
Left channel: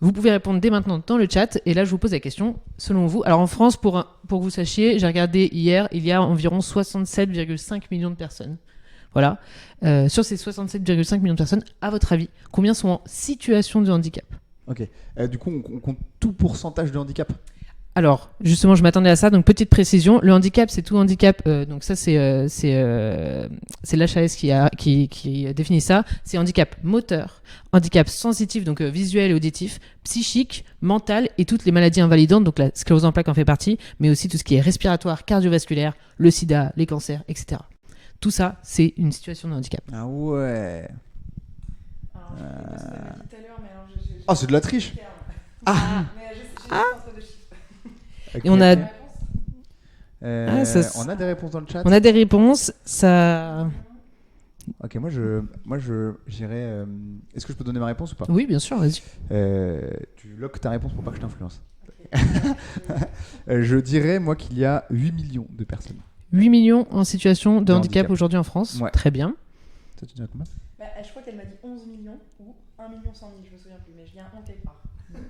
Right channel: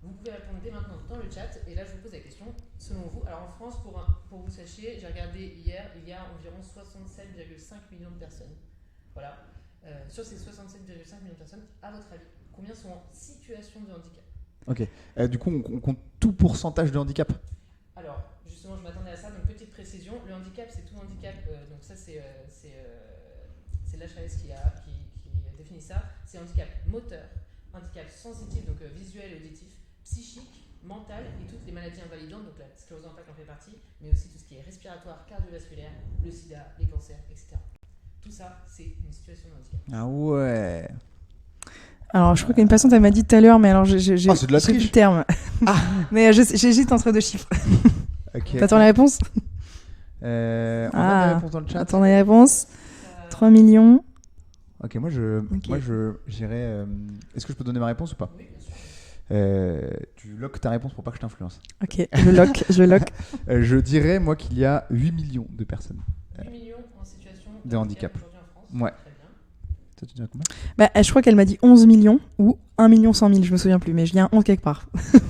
Vous pouvez répondre dès maintenant dans le chat. Et là, je vous pose la question, selon vous. Alors en France, pour que vous sachiez, j'ai regardé hier, il y a environ 67,5 millions de personnes. Voilà. Sur ces 67,5 millions de personnes, à votre avis, combien sont en situation de handicap ? Ok. Du coup, on compte tout pourcentage de handicap. Alors, justement, je m'attendais à ça. Donc, petite précision, le handicap, c'est tout handicap. Donc, ça, c'est l'HAS qui définit ça. C'est handicap moteur, handicap sensitif, donc visuel et auditif, psychique, mental et toutes les maladies invalidantes. Donc, la sclérose en plaques en fait partie, mais aussi tout ce qui est respiratoire, cardiovasculaire, le sida, les cancers, etc. Tout ça, c'est une situation de handicap. Ah ouais. Alors, je crois qu'une personne, elle m'a dit tout à l'heure, mais alors j'ai Ah, c'est de la j'ai plus triche. le terme. Mais j'hésite entre deux chiffres. Ok. Et on Attends la réponse ça, on a des Ah. réponses dans le chat. On a des les réponses. Ça... 3 millions. Ok, moi j'irais. Est-ce que je peux donner ma réponse ou pas? Oui, bien sûr, vas-y. Tu lock ta réponse pour pas que je t'influence. Ok, je lock. Je dirais moi qu'il y a 8 millions de personnes. 8 millions en situation de De handicap handicap. aujourd'hui en France. Ouais. Très bien. Toi, tu dirais combien? Bah, je crois qu'elle m'a dit 11 millions ou 1 million 100 000, je me souviens plus, mais il y a un 11 quelque part.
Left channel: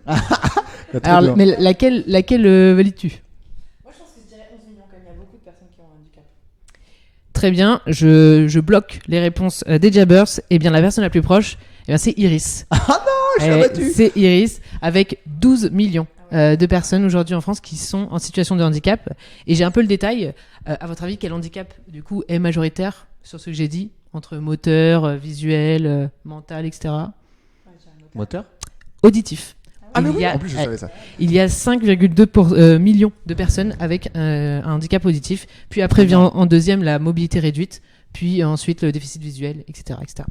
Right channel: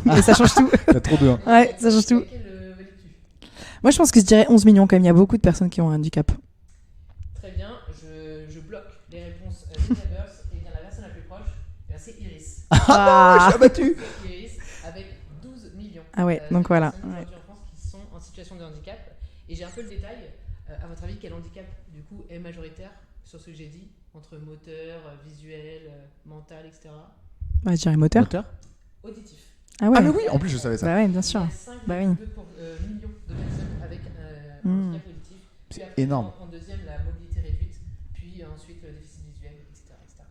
Et ça change tout. T'as trop Alors, bien. mais Ouais, laquelle, ça change tout. laquelle valides-tu ? Moi, je pense que je dirais 11 millions quand même. Il y a beaucoup de personnes qui ont un handicap. Très bien, je bloque les réponses des Jabbers. Et bien la personne la plus proche, eh bien, c'est Iris. je l'ai battu. C'est Iris avec 12 millions Ah ouais, de donc voilà. personnes aujourd'hui en France qui sont en situation de handicap. Et j'ai un peu le détail. À votre avis, quel handicap du coup est majoritaire sur ce que j'ai dit entre moteur, visuel, mental, etc. Ouais, je dirais moteur. Moteur? Auditif. Ah ouais, Ah mais il oui, y a- en plus je savais ça. Bah ouais, bien Il sûr. y a 5,2 millions de personnes avec un handicap auditif. Puis après vient Énorme. en deuxième la mobilité réduite. Puis ensuite le déficit visuel, etc. etc.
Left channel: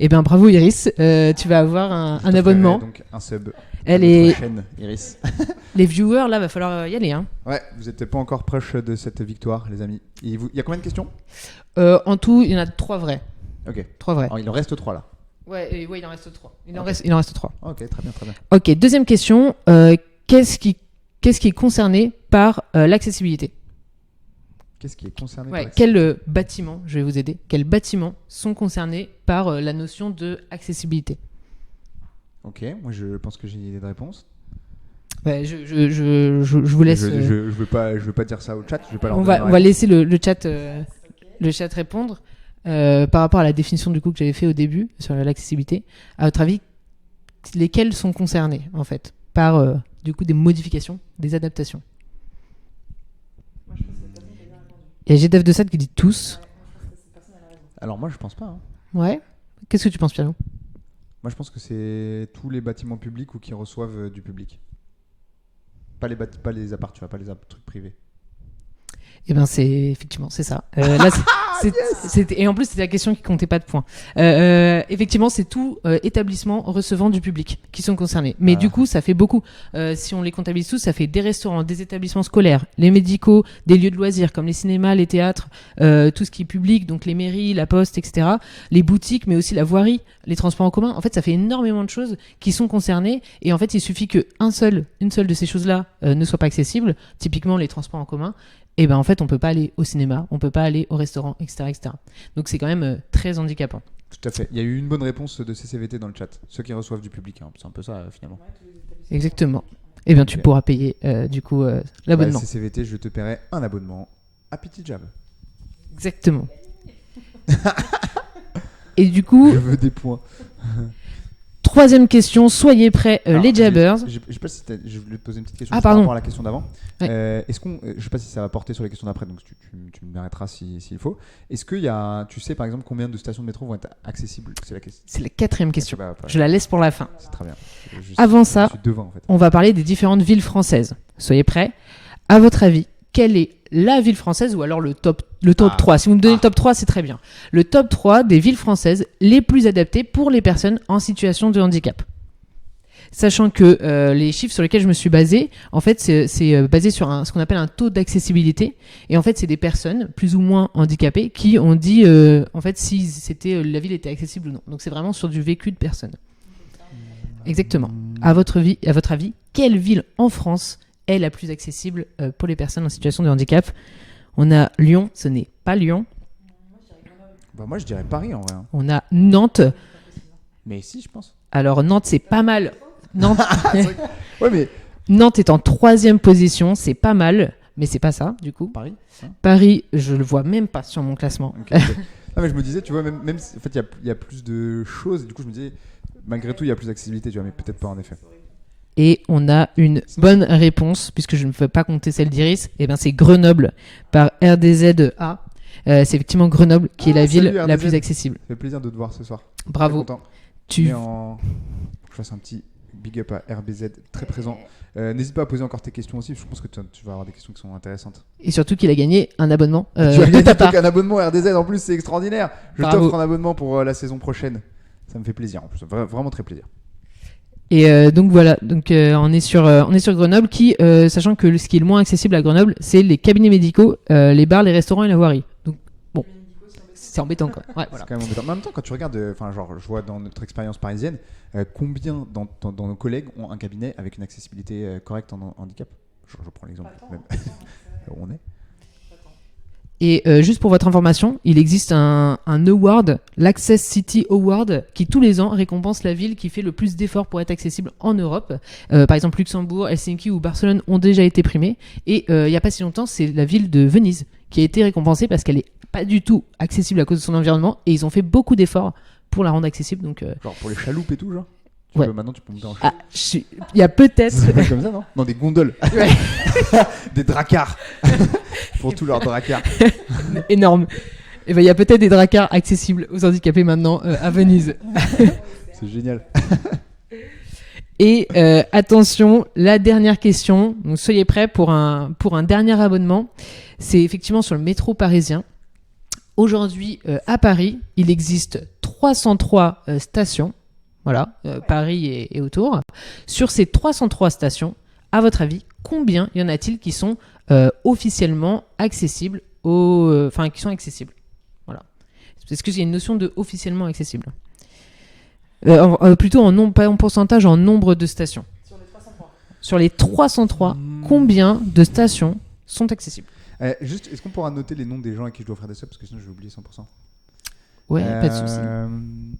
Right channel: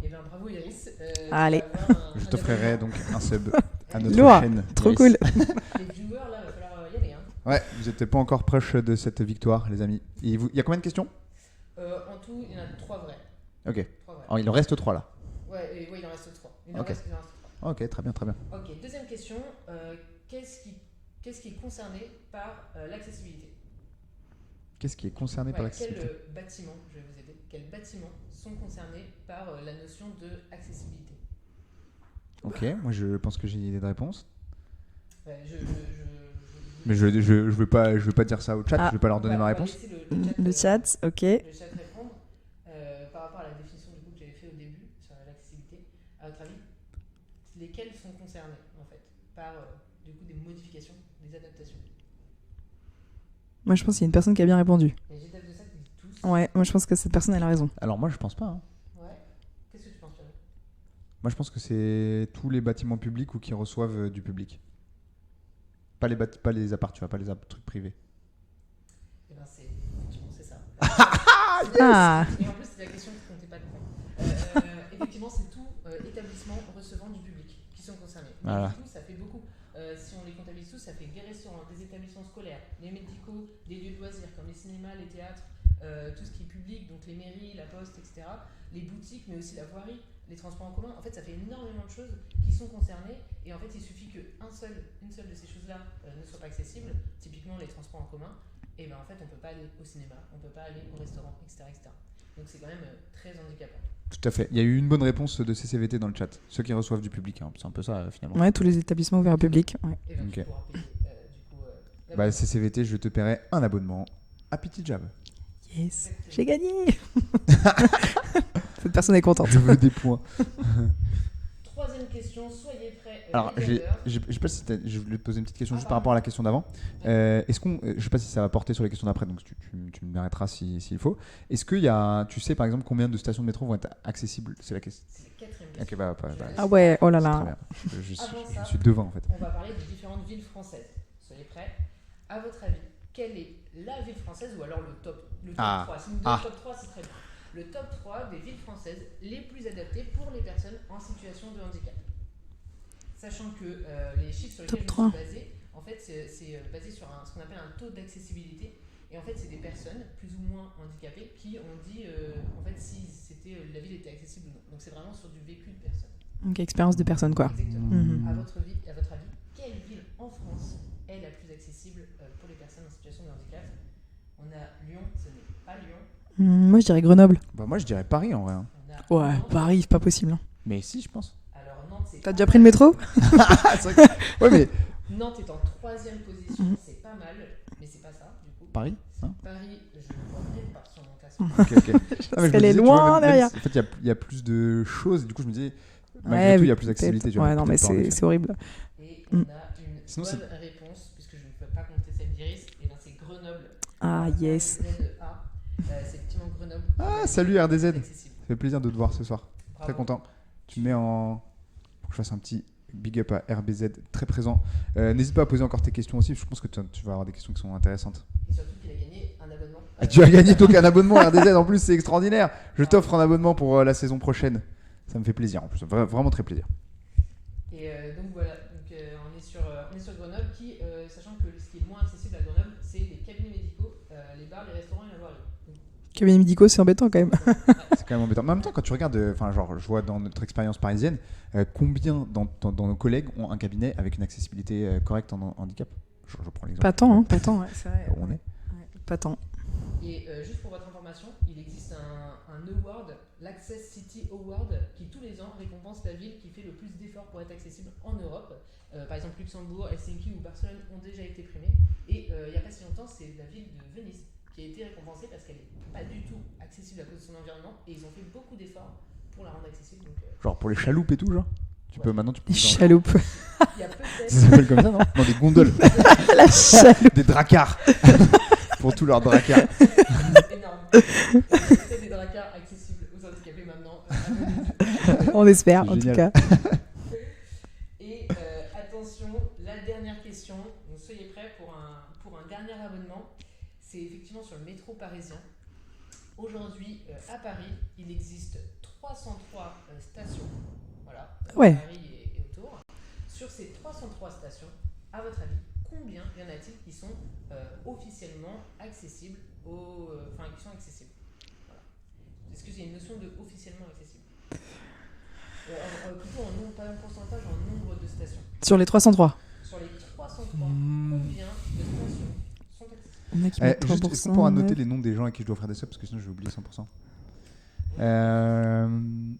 Et bien bravo Iris, tu Allez. vas avoir un Je t'offrirai abonnement. donc un sub. Elle à est... notre chaîne, Trop Iris. cool. Les viewers là, va falloir y aller. Hein. Ouais, vous n'êtes pas encore proche de cette victoire, les amis. Il y a combien de questions? En tout, il y en a 3 vrais. Ok. 3 vrais. Alors, il en reste 3 là. Ouais, il en reste 3. Il Ok. en reste 3. Ok, très bien, très bien. Ok, deuxième question. Qu'est-ce qui est concerné par l'accessibilité ? Qu'est-ce qui est concerné par Ouais, l'accessibilité? quels bâtiments, je vais vous aider, quels bâtiments sont concernés par la notion de accessibilité ? Ok, moi je pense que j'ai une idée de réponse. Ouais, je vous laisse. Je veux pas dire ça au chat, je vais pas leur on donner va, ma on va réponse. laisser le chat, Le chat, ok. le chat répondre par rapport à la définition du coup que j'avais fait au début sur l'accessibilité. À votre avis, lesquels sont concernés en fait par du coup des modifications, des adaptations ? Moi, je pense qu'il y a une personne qui a bien répondu. Il y a GDF de Sade qui dit tous. Ouais, moi, je pense que cette personne, elle a raison. Alors moi je pense pas. Hein. Ouais. Qu'est-ce que tu penses, Pierre ? Moi je pense que c'est tous les bâtiments publics ou qui reçoivent du public. Pas les apparts, tu vois, pas les trucs privés. Eh ben c'est effectivement c'est ça. Là, et en plus c'était la question qui comptait pas de points. Effectivement c'est tout établissement recevant du public qui sont concernés. Mais Voilà. du coup ça fait beaucoup. Si on les comptabilise tous, ça fait des restaurants, des établissements scolaires, les médicaux, des lieux de loisirs comme les cinémas, les théâtres, tout ce qui est public, donc les mairies, la poste, etc. Les boutiques, mais aussi la voirie, les transports en commun. En fait ça fait énormément de choses qui sont concernées. Et en fait il suffit que une seule de ces choses-là ne soit pas accessible. Typiquement les transports en commun. Et ben en fait on peut pas aller au cinéma, on peut pas aller au restaurant, etc. etc. Donc c'est quand même très handicapant. Tout à fait. Il y a eu une bonne réponse de CCVT dans le chat. Ceux qui reçoivent du public, hein. C'est un peu ça finalement. Ouais, tous les établissements Exactement. publics. Ouais. Et bien tu Ok. pourras payer du coup Bah, l'abonnement. CCVT, je te paierai un abonnement à Petit Jab. Exactement. J'ai gagné. Cette Et personne du est contente. coup, Je veux des points. troisième question, soyez prêts Alors, les jabbers. Je sais pas si je voulais te poser une petite question Ah, juste par pardon. rapport à la question d'avant. Ouais. Est-ce qu'on, je sais pas si ça va porter sur les questions d'après, donc tu m'arrêteras s'il faut. Est-ce qu'il y a, tu sais par exemple combien de stations de métro vont être accessibles? C'est la question. C'est la quatrième question. Ok, bah, pas- Je la laisse Ah pour ouais, la fin. oh là c'est très là. bien. Avant ça- je suis devant en fait. On va parler des différentes villes françaises. Soyez prêts. À votre avis, quelle est la ville française ou alors le top Ah. 3? Si vous me donnez Ah. le top 3, c'est très bien. Le top 3 des villes françaises les plus adaptées pour les personnes en situation de handicap. Sachant que les chiffres sur lesquels je me suis basé, en fait, c'est basé sur ce qu'on appelle un taux d'accessibilité. Et en fait, c'est des personnes plus ou moins handicapées qui ont dit, en fait, si la ville était accessible ou non. Donc, c'est vraiment sur du vécu de personnes. Donc, expérience de personne, quoi. Exactement. Mhm. À votre avis, quelle ville en France est la plus accessible pour les personnes en situation de handicap? On a Lyon, ce n'est pas Lyon. Moi, je dirais Grenoble. Bah, moi, je dirais Paris en vrai. hein. On a Ouais, Nantes. Paris, c'est pas possible. hein. Mais si, je pense. Alors Nantes, c'est T'as pas déjà pris mal. le métro? Nantes, Ouais, mais Nantes est en 3e position, c'est pas mal, mais c'est pas ça du coup. Paris. Paris, je le vois même pas sur mon classement. Ah, mais je me Elle est disais, tu vois, loin même derrière. si- en fait, il y a plus de choses. Du coup, je me disais, malgré Ouais, tout, il y a plus d'accessibilité. Tu vois, Ouais, non, mais peut-être pas, en effet. c'est horrible. Et on a une Sinon, bonne réponse, puisque je ne peux pas compter celle d'Iris. Et ben c'est Grenoble par yes. RDZA. C'est effectivement Grenoble qui est la ville salut, la RDZ. plus accessible. Ça fait plaisir de te voir ce soir. Très Bravo. content. Tu Mais en... Faut que je fasse un petit big up à RBZ, très présent. N'hésite pas à poser encore tes questions aussi. Je pense que tu vas avoir des questions qui sont intéressantes. Et surtout qu'il a gagné un abonnement. Tu as de gagné ta part. un abonnement RDZ en plus, c'est extraordinaire. Je Bravo. t'offre un abonnement pour la saison prochaine. Ça me fait plaisir en plus, vraiment très plaisir. Et donc voilà, donc on est sur Grenoble qui, sachant que ce qui est le moins accessible à Grenoble, c'est les cabinets médicaux, les bars, les restaurants et la voirie. Donc Cabinets médicaux, c'est embêtant c'est quand même. embêtant. Quoi. Ouais. C'est quand même embêtant. Mais en même temps, quand tu regardes, enfin, genre, je vois dans notre expérience parisienne, combien dans nos collègues ont un cabinet avec une accessibilité correcte en handicap. Je prends l'exemple. Pas tant, hein, pas tant, ouais, c'est vrai. Où on est. Pas tant. Et juste pour votre information, il existe un award, l'Access City Award, qui tous les ans récompense la ville qui fait le plus d'efforts pour être accessible en Europe. Par exemple, Luxembourg, Helsinki ou Barcelone ont déjà été primés. Et il n'y a pas si longtemps, c'est la ville de Venise qui a été récompensée parce qu'elle est pas du tout accessible à cause de son environnement. Et ils ont fait beaucoup d'efforts pour la rendre accessible. Donc, Genre pour les chaloupes et tout, genre. Ouais. Maintenant, tu peux. Chaloupe. il y a peut-être. Ça s'appelle comme ça, non? Non, des gondoles. Des dracars. Pour tous leurs dracars. énorme. Et ben il y a peut-être des dracars accessibles aux handicapés maintenant à Venise. On espère, C'est en tout génial. cas. Et attention, la dernière question. Donc soyez prêts pour un dernier abonnement. C'est effectivement sur le métro parisien. Aujourd'hui, à Paris, il existe 303 stations. Voilà, Ouais. Paris et autour. Sur ces 303 stations, à votre avis, combien y en a-t-il qui sont officiellement accessibles qui sont accessibles? Voilà. Est-ce qu'il y a une notion de officiellement accessible? Plutôt pas en pourcentage, en nombre de stations. Sur les 303. Sur les 303, combien de stations sont accessibles? Il y en a qui mettent Juste, est-ce qu'on 3%, pourra ouais. noter les noms des gens à qui je dois offrir des subs? Parce que sinon, je vais oublier 100%. Ouais, pas de souci.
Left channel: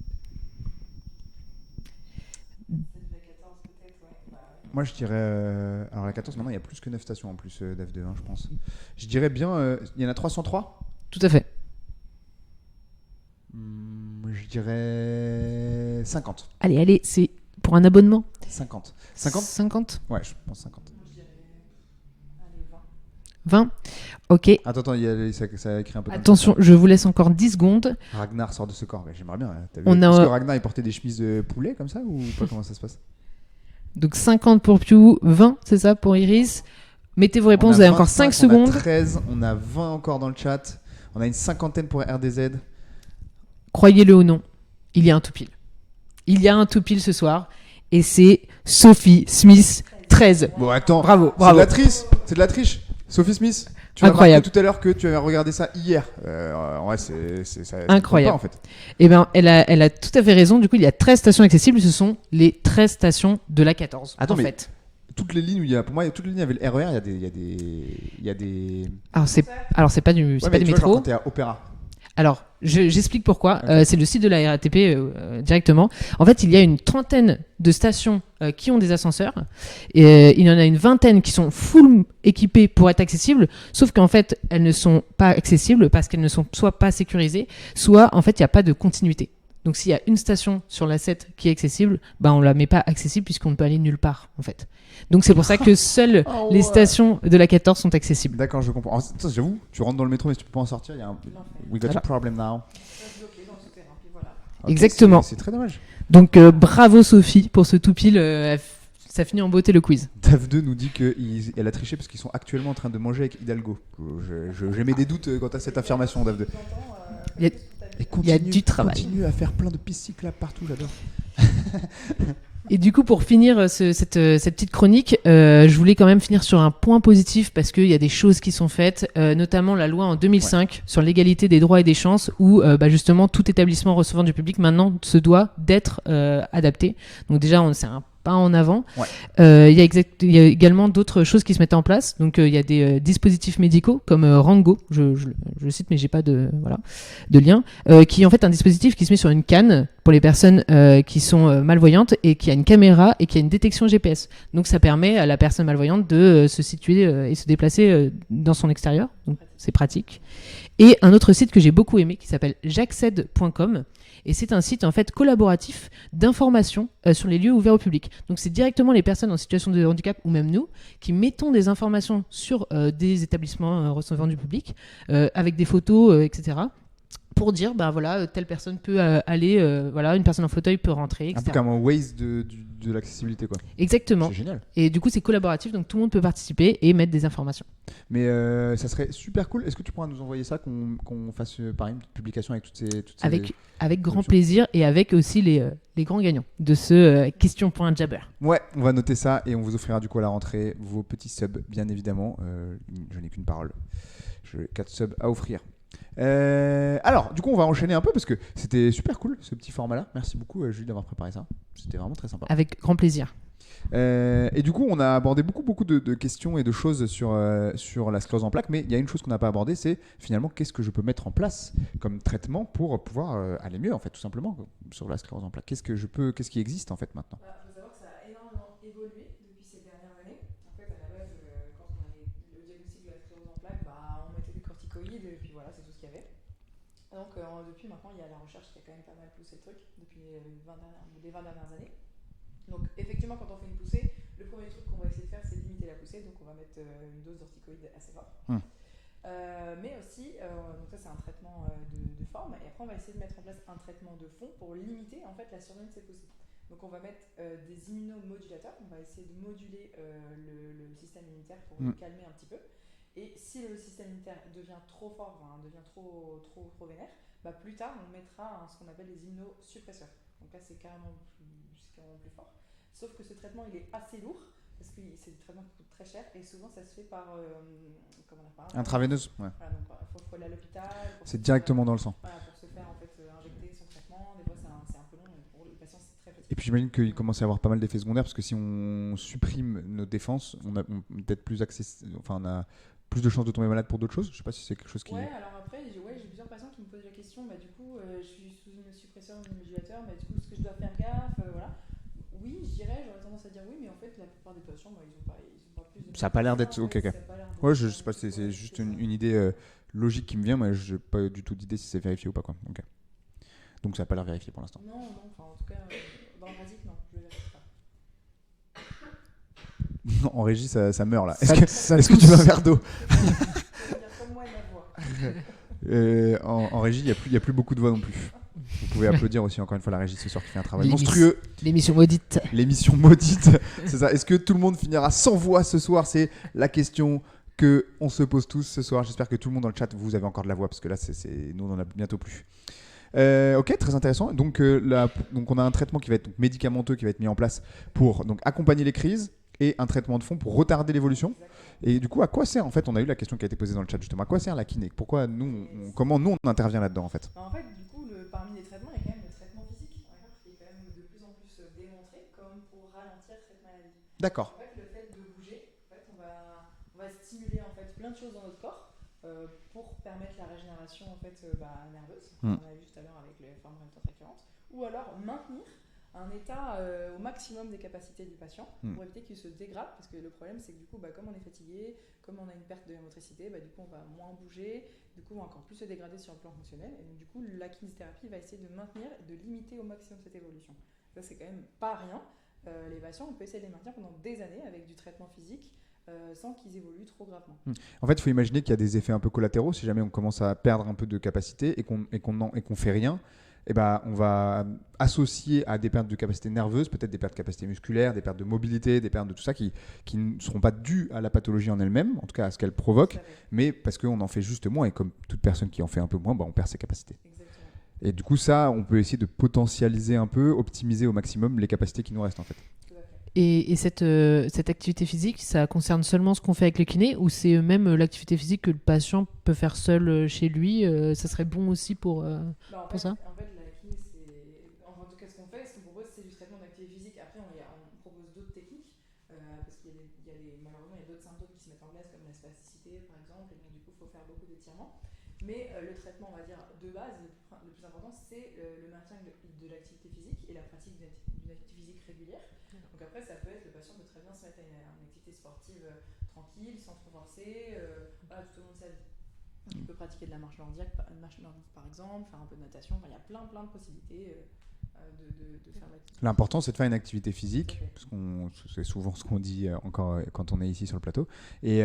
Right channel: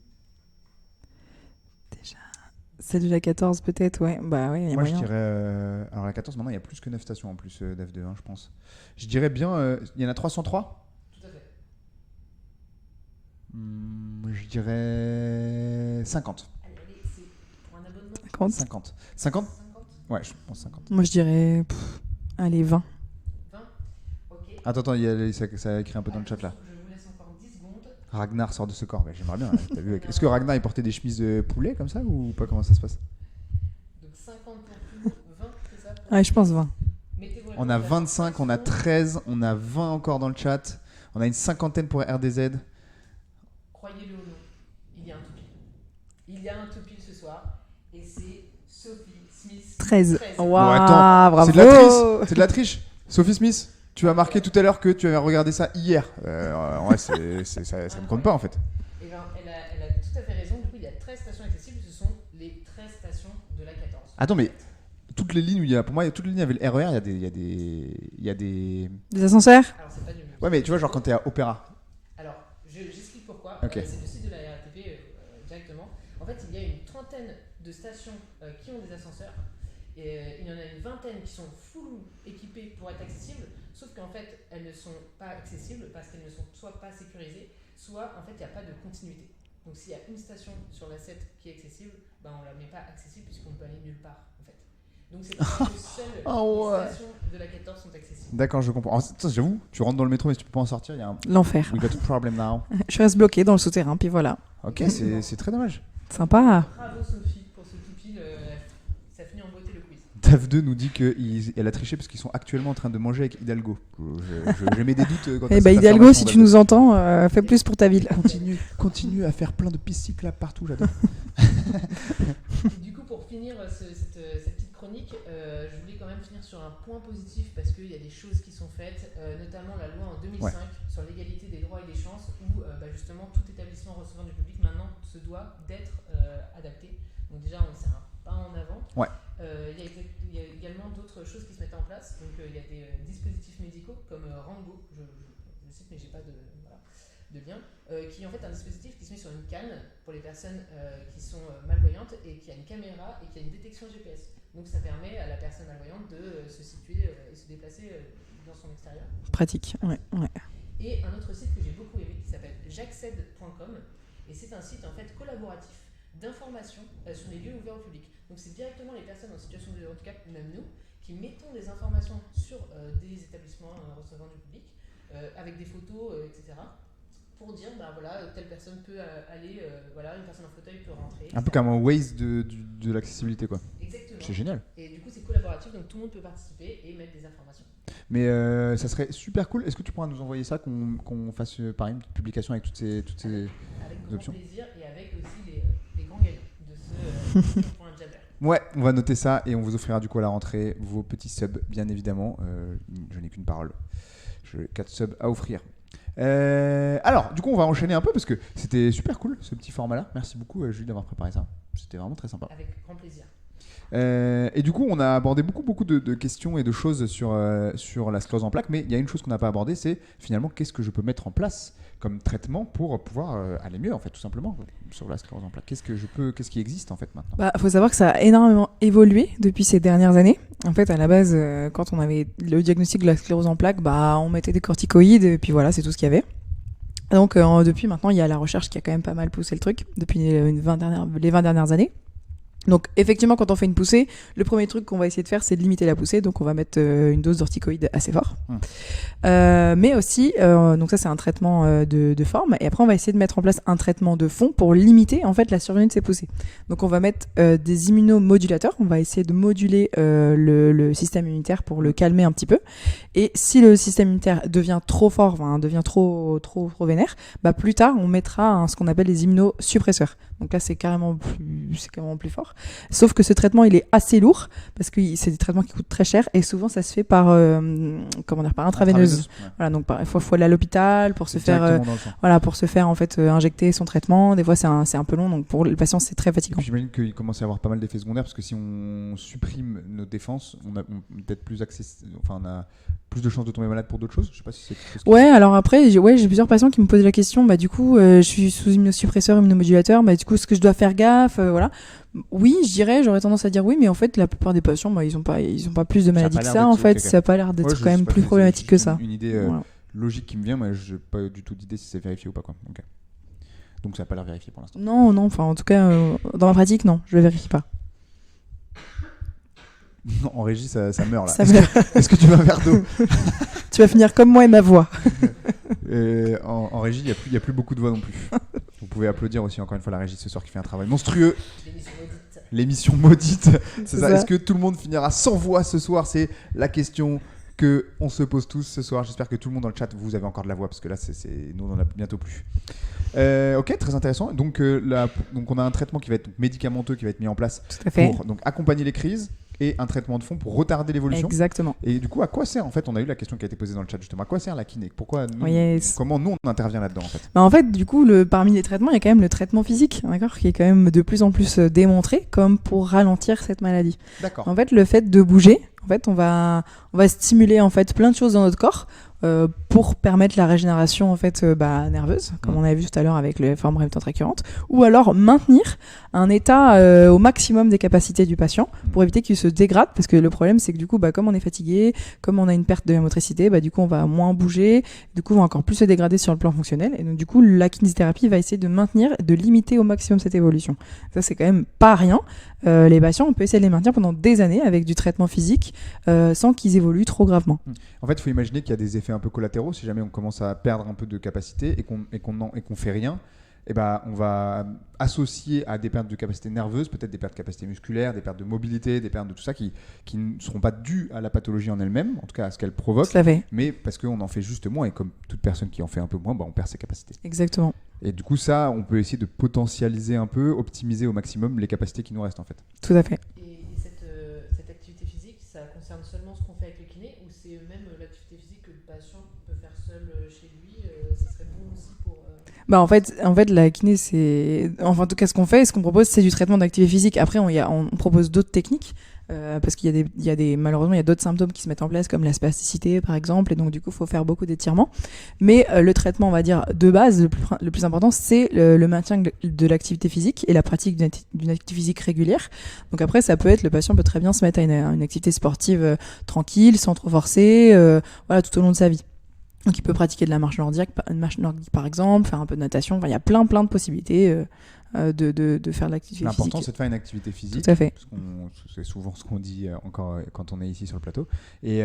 Celle de la 14 peut-être, ouais. Bah ouais, il y a Moi, je moyen. dirais. Alors, la 14, maintenant, il y a plus que 9 stations en plus d'F2, je pense. Je dirais bien. Il y en a 303? Tout à fait. Je dirais. 50. Allez, c'est pour un abonnement. 50. 50? 50 Ouais, je pense 50. Moi je dirais. Allez, 20. 20 Ok. Attends, ça a écrit un peu dans le Attention, chat, je vous laisse encore 10 secondes. là. Ragnar sort de ce corps. Ouais, j'aimerais bien. T'as vu On a- Est-ce que Ragnar, il portait des chemises de poulet comme ça ou pas? Comment ça se passe? Donc 50 pour Pew, 20, c'est ça pour Ouais, je pense Iris 20. Mettez vos On réponses, a vous avez encore 25, 5 On a secondes. 13, on a 20 encore dans le chat. On a une cinquantaine pour RDZ. Croyez-le ou non, il y a un tout pile. Il y a un tout pile ce soir. Et c'est Sophie Smith. 13. Bon, Waouh, attends, bravo. c'est de la triche. C'est de la triche. Sophie Smith, tu m'as marqué Incroyable. tout à l'heure que tu avais regardé ça hier. Ouais, ça ne compte Incroyable. pas en fait. Eh bien, elle a tout à fait raison. Du coup, il y a 13 stations accessibles. Ce sont les 13 stations de la 14. Attends, en mais- fait. Toutes les lignes où il y a, pour moi, toutes les lignes avec le RER, il y a des. Des Alors, ascenseurs Alors, c'est pas du, c'est Ouais, pas mais du tu vois, métro. genre quand t'es à Opéra. Alors, j'explique pourquoi. Ok. C'est le site de la RATP directement. En fait, il y a une trentaine de stations qui ont des ascenseurs. Et il y en a une vingtaine qui sont full équipées pour être accessibles. Sauf qu'en fait, elles ne sont pas accessibles parce qu'elles ne sont soit pas sécurisées, soit en fait, il n'y a pas de continuité. Donc, s'il y a une station sur la 7 qui est accessible, bah, on ne la met pas accessible puisqu'on ne peut aller nulle part, en fait. Donc, c'est pour ça que seules Oh, les ouais. stations de la 14 sont accessibles. D'accord, je comprends. Ça, j'avoue, tu rentres dans le métro, mais si tu peux pas en sortir, il y a un. L'enfer. We got Voilà. a problem now. Je reste bloqué dans le souterrain, puis voilà. Ok, Exactement. C'est très dommage. Donc, Sympa. bravo Sophie pour ce tout pile. Ça finit en beauté le quiz. Dave2 nous dit qu'elle a triché parce qu'ils sont actuellement en train de manger avec Hidalgo. J'ai mis des doutes quant à Eh cette bah, Hidalgo, affirmation, si tu Dave2. nous entends, fais Il y a- plus pour ta ville. Il y a du travail. Continue à faire plein de pistes cyclables partout, j'adore. Et du coup, pour finir cette petite chronique, je voulais quand même finir sur un point positif parce qu'il y a des choses qui sont faites, notamment la loi en 2005 sur l'égalité des droits et des chances où justement tout établissement recevant du public maintenant se doit d'être adapté. Donc déjà, c'est un pas en avant. Il y a également d'autres choses qui se mettent en place. Donc il y a des dispositifs médicaux comme Rango, je le cite mais j'ai pas de lien, qui est en fait un dispositif qui se met sur une canne pour les personnes qui sont malvoyantes et qui a une caméra et qui a une détection GPS. Donc ça permet à la personne malvoyante de se situer et se déplacer dans son extérieur. Donc, c'est pratique. Ouais. Et un autre site que j'ai beaucoup aimé qui s'appelle jacced.com. Et c'est un site en fait collaboratif d'information sur les lieux ouverts au public. Donc c'est directement les personnes en situation de handicap ou même nous qui mettons des informations sur des établissements recevant du public avec des photos, etc. pour dire voilà telle personne peut aller, voilà une personne en fauteuil peut rentrer, etc. Un peu comme un Waze de l'accessibilité quoi. Exactement. C'est génial. Et du coup c'est collaboratif donc tout le monde peut participer et mettre des informations. Mais ça serait super cool. Est-ce que tu pourras nous envoyer ça, qu'on fasse pareil une petite publication avec toutes ces Avec grand options. plaisir et avec aussi les grands gagnants de ce question.jabber. Ouais, on va noter ça et on vous offrira du coup à la rentrée vos petits subs, bien évidemment. Je n'ai qu'une parole. J'ai 4 subs à offrir. Alors, du coup, on va enchaîner un peu parce que c'était super cool ce petit format-là. Merci beaucoup, Julie, d'avoir préparé ça. C'était vraiment très sympa. Avec grand plaisir. Et du coup, on a abordé beaucoup de questions et de choses sur la sclérose en plaques, mais il y a une chose qu'on n'a pas abordée, c'est finalement qu'est-ce que je peux mettre en place comme traitement pour pouvoir aller mieux, en fait, tout simplement, sur la sclérose en plaques. Qu'est-ce qui existe en fait maintenant ? Faut savoir que ça a énormément évolué depuis ces dernières années. En fait, à la base, quand on avait le diagnostic de la sclérose en plaques, on mettait des corticoïdes et puis voilà, c'est tout ce qu'il y avait. Donc depuis maintenant, il y a la recherche qui a quand même pas mal poussé le truc depuis les 20 dernières années. Donc effectivement, quand on fait une poussée, le premier truc qu'on va essayer de faire, c'est de limiter la poussée. Donc on va mettre une dose d'corticoïdes assez fort. Mais aussi, donc ça c'est un traitement de forme. Et après on va essayer de mettre en place un traitement de fond pour limiter en fait la survenue de ces poussées. Donc on va mettre des immunomodulateurs. On va essayer de moduler le système immunitaire pour le calmer un petit peu. Et si le système immunitaire devient trop fort, devient trop vénère, plus tard on mettra ce qu'on appelle les immunosuppresseurs. Donc là c'est carrément plus fort. Sauf que ce traitement il est assez lourd parce que c'est des traitements qui coûtent très cher et souvent ça se fait par intraveineuse. Ouais. Voilà, donc il faut aller à l'hôpital pour se faire directement dans le sang. pour se faire en fait injecter son traitement. Des fois c'est un peu long, donc pour le patient c'est très Et fatigant. puis j'imagine qu'il commence à y avoir pas mal d'effets secondaires parce que si on supprime nos défenses, on a peut-être plus on a plus de chances de tomber malade pour d'autres choses. Je sais pas si c'est quelque chose qui... Alors après j'ai plusieurs patients qui me posent la question du coup je suis sous immunosuppresseur, immunomodulateur, du coup est-ce que je dois faire gaffe, voilà. Oui, j'aurais tendance à dire oui, mais en fait la plupart des patients ils ont pas plus de maladies que ça en fait, ça a pas l'air d'être quand même plus problématique que ça. Une idée logique qui me vient, mais j'ai pas du tout d'idée si c'est vérifié ou pas quoi. Okay. Donc ça a pas l'air vérifié pour l'instant. Non, enfin en tout cas dans ma pratique non, je le vérifie pas. Non, en régie ça meurt là. Ça meurt. Est-ce que tu veux un verre d'eau? Tu vas finir comme moi et ma voix. En régie, il n'y a plus beaucoup de voix non plus. Vous pouvez applaudir aussi encore une fois la régie ce soir qui fait un travail monstrueux. L'émission maudite. L'émission maudite, c'est ça. ça. Est-ce que tout le monde finira sans voix ce soir? C'est la question que on se pose tous ce soir. J'espère que tout le monde dans le chat, vous avez encore de la voix parce que là, nous on en a bientôt plus. Ok, très intéressant. Donc on a un traitement qui va être médicamenteux qui va être mis en place Tout à fait. pour donc accompagner les crises et un traitement de fond pour retarder l'évolution. Exactement. Et du coup, à quoi sert en fait? On a eu la question qui a été posée dans le chat justement. À quoi sert la kiné? Pourquoi nous, Yes. comment nous on intervient là-dedans en fait? En fait, du coup, parmi les traitements, il y a quand même le traitement physique, d'accord, qui est quand même de plus en plus démontré comme pour ralentir cette maladie. D'accord. En fait, le fait de bouger, en fait, on va stimuler en fait plein de choses dans notre corps. Pour permettre la régénération en fait nerveuse, comme on avait vu tout à l'heure avec les formes résultantes récurrentes, ou alors maintenir un état au maximum des capacités du patient pour éviter qu'il se dégrade, parce que le problème c'est que du coup comme on est fatigué, comme on a une perte de motricité, du coup on va moins bouger, du coup on va encore plus se dégrader sur le plan fonctionnel, et donc du coup la kinésithérapie va essayer de maintenir, de limiter au maximum cette évolution. Ça c'est quand même pas rien. Les patients, on peut essayer de les maintenir pendant des années avec du traitement physique sans qu'ils évoluent trop gravement. En fait, il faut imaginer qu'il y a des effets un peu collatéraux. Si jamais on commence à perdre un peu de capacité et qu'on fait rien, on va associer à des pertes de capacité nerveuse, peut-être des pertes de capacité musculaire, des pertes de mobilité, des pertes de tout ça qui ne seront pas dues à la pathologie en elle-même, en tout cas à ce qu'elle provoque, mais parce qu'on en fait juste moins, et comme toute personne qui en fait un peu moins, on perd ses capacités. Exactement. Et du coup, ça, on peut essayer de potentialiser un peu, optimiser au maximum les capacités qui nous restent en fait. Tout à fait. Et cette activité physique, ça concerne seulement ce qu'on fait avec le kiné ou c'est même l'activité physique que le patient peut faire seul chez lui ça serait bon aussi pour... Bah en pour ça fait, la kiné, c'est... Enfin, en tout cas, ce qu'on fait, ce qu'on propose, c'est du traitement d'activité physique. Après, on propose d'autres techniques. Parce qu'il y a malheureusement, il y a d'autres symptômes qui se mettent en place, comme la spasticité, par exemple. Et donc, du coup, il faut faire beaucoup d'étirements. Mais le traitement, on va dire, de base, le plus important, c'est le maintien de l'activité physique et la pratique d'une activité physique régulière. Donc après, ça peut être, le patient peut très bien se mettre à une activité sportive tranquille, sans trop forcer, voilà, tout au long de sa vie. Donc, il peut pratiquer de la marche nordique, par exemple, faire un peu de natation. Enfin, il y a plein de possibilités de faire de l'activité physique. L'important, c'est de faire une activité physique. Tout à fait. Parce c'est souvent ce qu'on dit encore quand on est ici sur le plateau. Et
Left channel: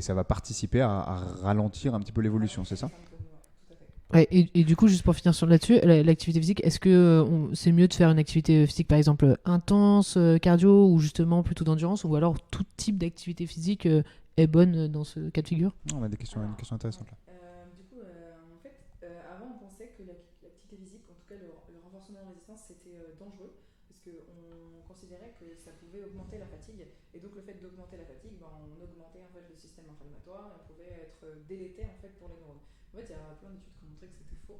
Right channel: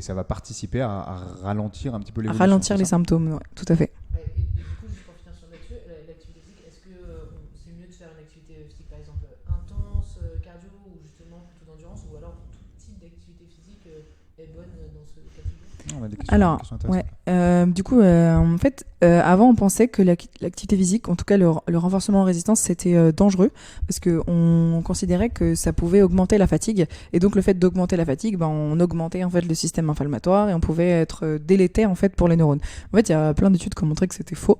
ça va participer à ralentir un petit peu l'évolution. Ralentir c'est les ça symptômes, ouais, tout à fait. Ouais, et du coup, juste pour finir là-dessus, l'activité physique, est-ce que c'est mieux de faire une activité physique, par exemple, intense, cardio, ou justement plutôt d'endurance, ou alors tout type d'activité physique est bonne dans ce cas de figure? On a des questions, Alors, des questions intéressantes. du coup, en fait, avant, on pensait que l'activité physique, en tout cas le renforcement en résistance, c'était dangereux parce qu'on considérait que ça pouvait augmenter la fatigue. Et donc, le fait d'augmenter la fatigue, ben, on augmentait en fait le système inflammatoire et on pouvait être délétère en fait pour les neurones. En fait, il y a plein d'études qui ont montré que c'était faux.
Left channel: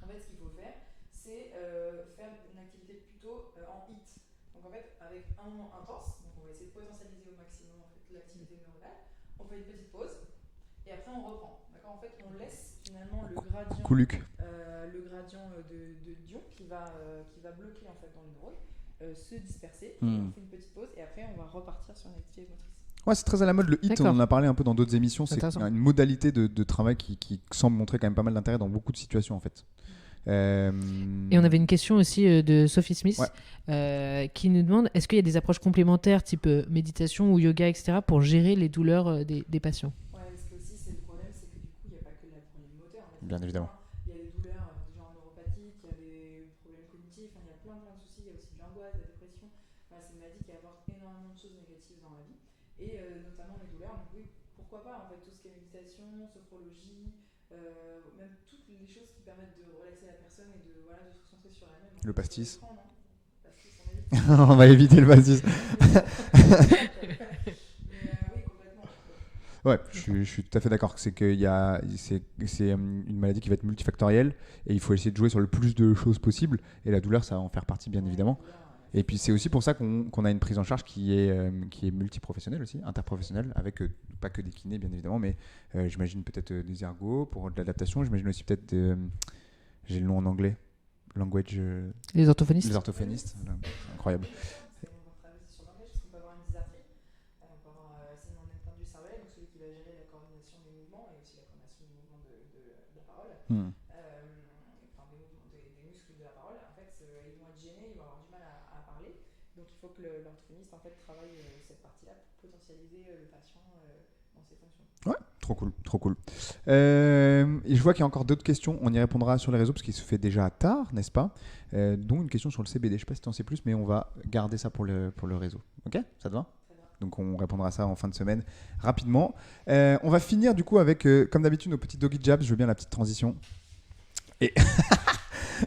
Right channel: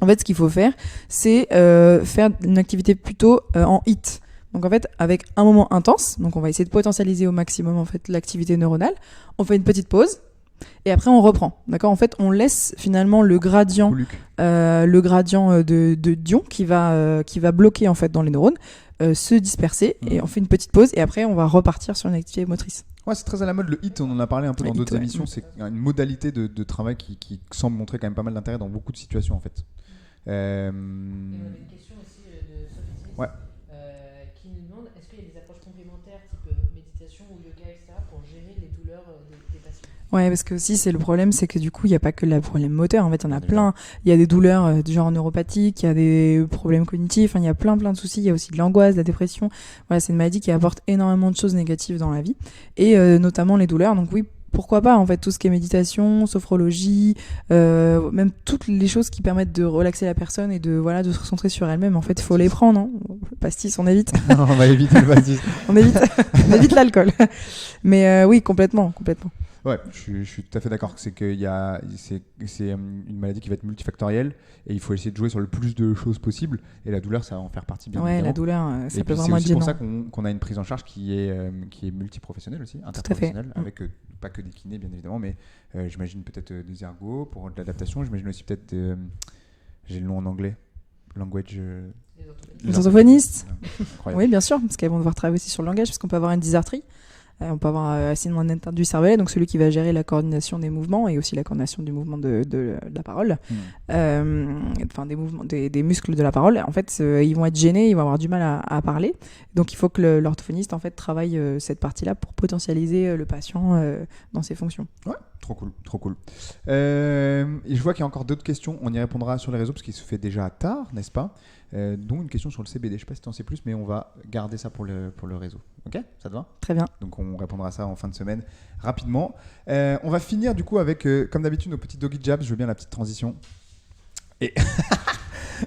En fait, ce qu'il faut faire, c'est faire une activité plutôt en HIIT. Donc en fait, avec un moment intense, donc on va essayer de potentialiser au maximum en fait l'activité neuronale. On fait une petite pause et après on reprend. D'accord ? En fait, on laisse finalement le gradient, de d'ion qui va bloquer en fait dans les neurones se disperser et on fait une petite pause et après on va repartir sur une activité motrice. Ouais, c'est très à la mode le HIIT, on en a parlé un peu dans d'autres émissions. C'est intéressant. une modalité de travail qui semble montrer quand même pas mal d'intérêt dans beaucoup de situations en fait. Et on avait une question aussi de Sophie Smith qui nous demande est-ce qu'il y a des approches complémentaires type méditation ou yoga, etc., pour gérer les douleurs des patients? Ouais, parce que aussi, c'est le problème, c'est que du coup, il n'y a pas que le problème moteur. En fait, il y en a plein. Il y a des douleurs du genre neuropathique, il y a des problèmes cognitifs, il y a plein de soucis. Il y a aussi de l'angoisse, de la dépression. Voilà, c'est une maladie qui apporte énormément de choses négatives dans la vie, et notamment les douleurs. Donc oui, pourquoi pas, en fait, tout ce qui est méditation, sophrologie, même toutes les choses qui permettent de relaxer la personne et de se recentrer sur elle-même. En fait, il faut les prendre, hein. Pastis, on évite. On va éviter le pastis. on évite l'alcool. Mais oui, complètement. Ouais, je suis tout à fait d'accord. C'est une maladie qui va être multifactorielle et il faut essayer de jouer sur le plus de choses possible. Et la douleur, ça va en faire partie, bien évidemment. La douleur, ça et peut puis c'est aussi être pour ça gênant. qu'on a une prise en charge qui est multiprofessionnelle aussi, interprofessionnelle, avec pas que des kinés, bien évidemment, mais j'imagine peut-être des ergos pour de l'adaptation. J'imagine aussi peut-être j'ai le nom en anglais. Language. Les orthophonistes. Les orthophonistes. Incroyable. Oui, bien sûr, parce qu'elles vont devoir travailler aussi sur le langage, parce qu'on peut avoir une dysarthrie. On peut avoir un syndrome d'atteinte du cervelet, donc celui qui va gérer la coordination des mouvements et aussi la coordination du mouvement de la parole, enfin des mouvements, des muscles de la parole. En fait, ils vont être gênés, ils vont avoir du mal à parler. Donc, il faut que l'orthophoniste en fait travaille cette partie-là pour potentialiser le patient dans ses fonctions. Ouais, trop cool. Et je vois qu'il y a encore d'autres questions. On y répondra sur les réseaux parce qu'il se fait déjà tard, n'est-ce pas ? Dont une question sur le CBD. Je ne sais pas si tu en sais plus, mais on va garder ça pour le réseau. Ok ? Ça te va ? Très bien. Donc on répondra à ça en fin de semaine rapidement. On va finir du coup avec, comme d'habitude, nos petits doggy jabs. Je veux bien la petite transition.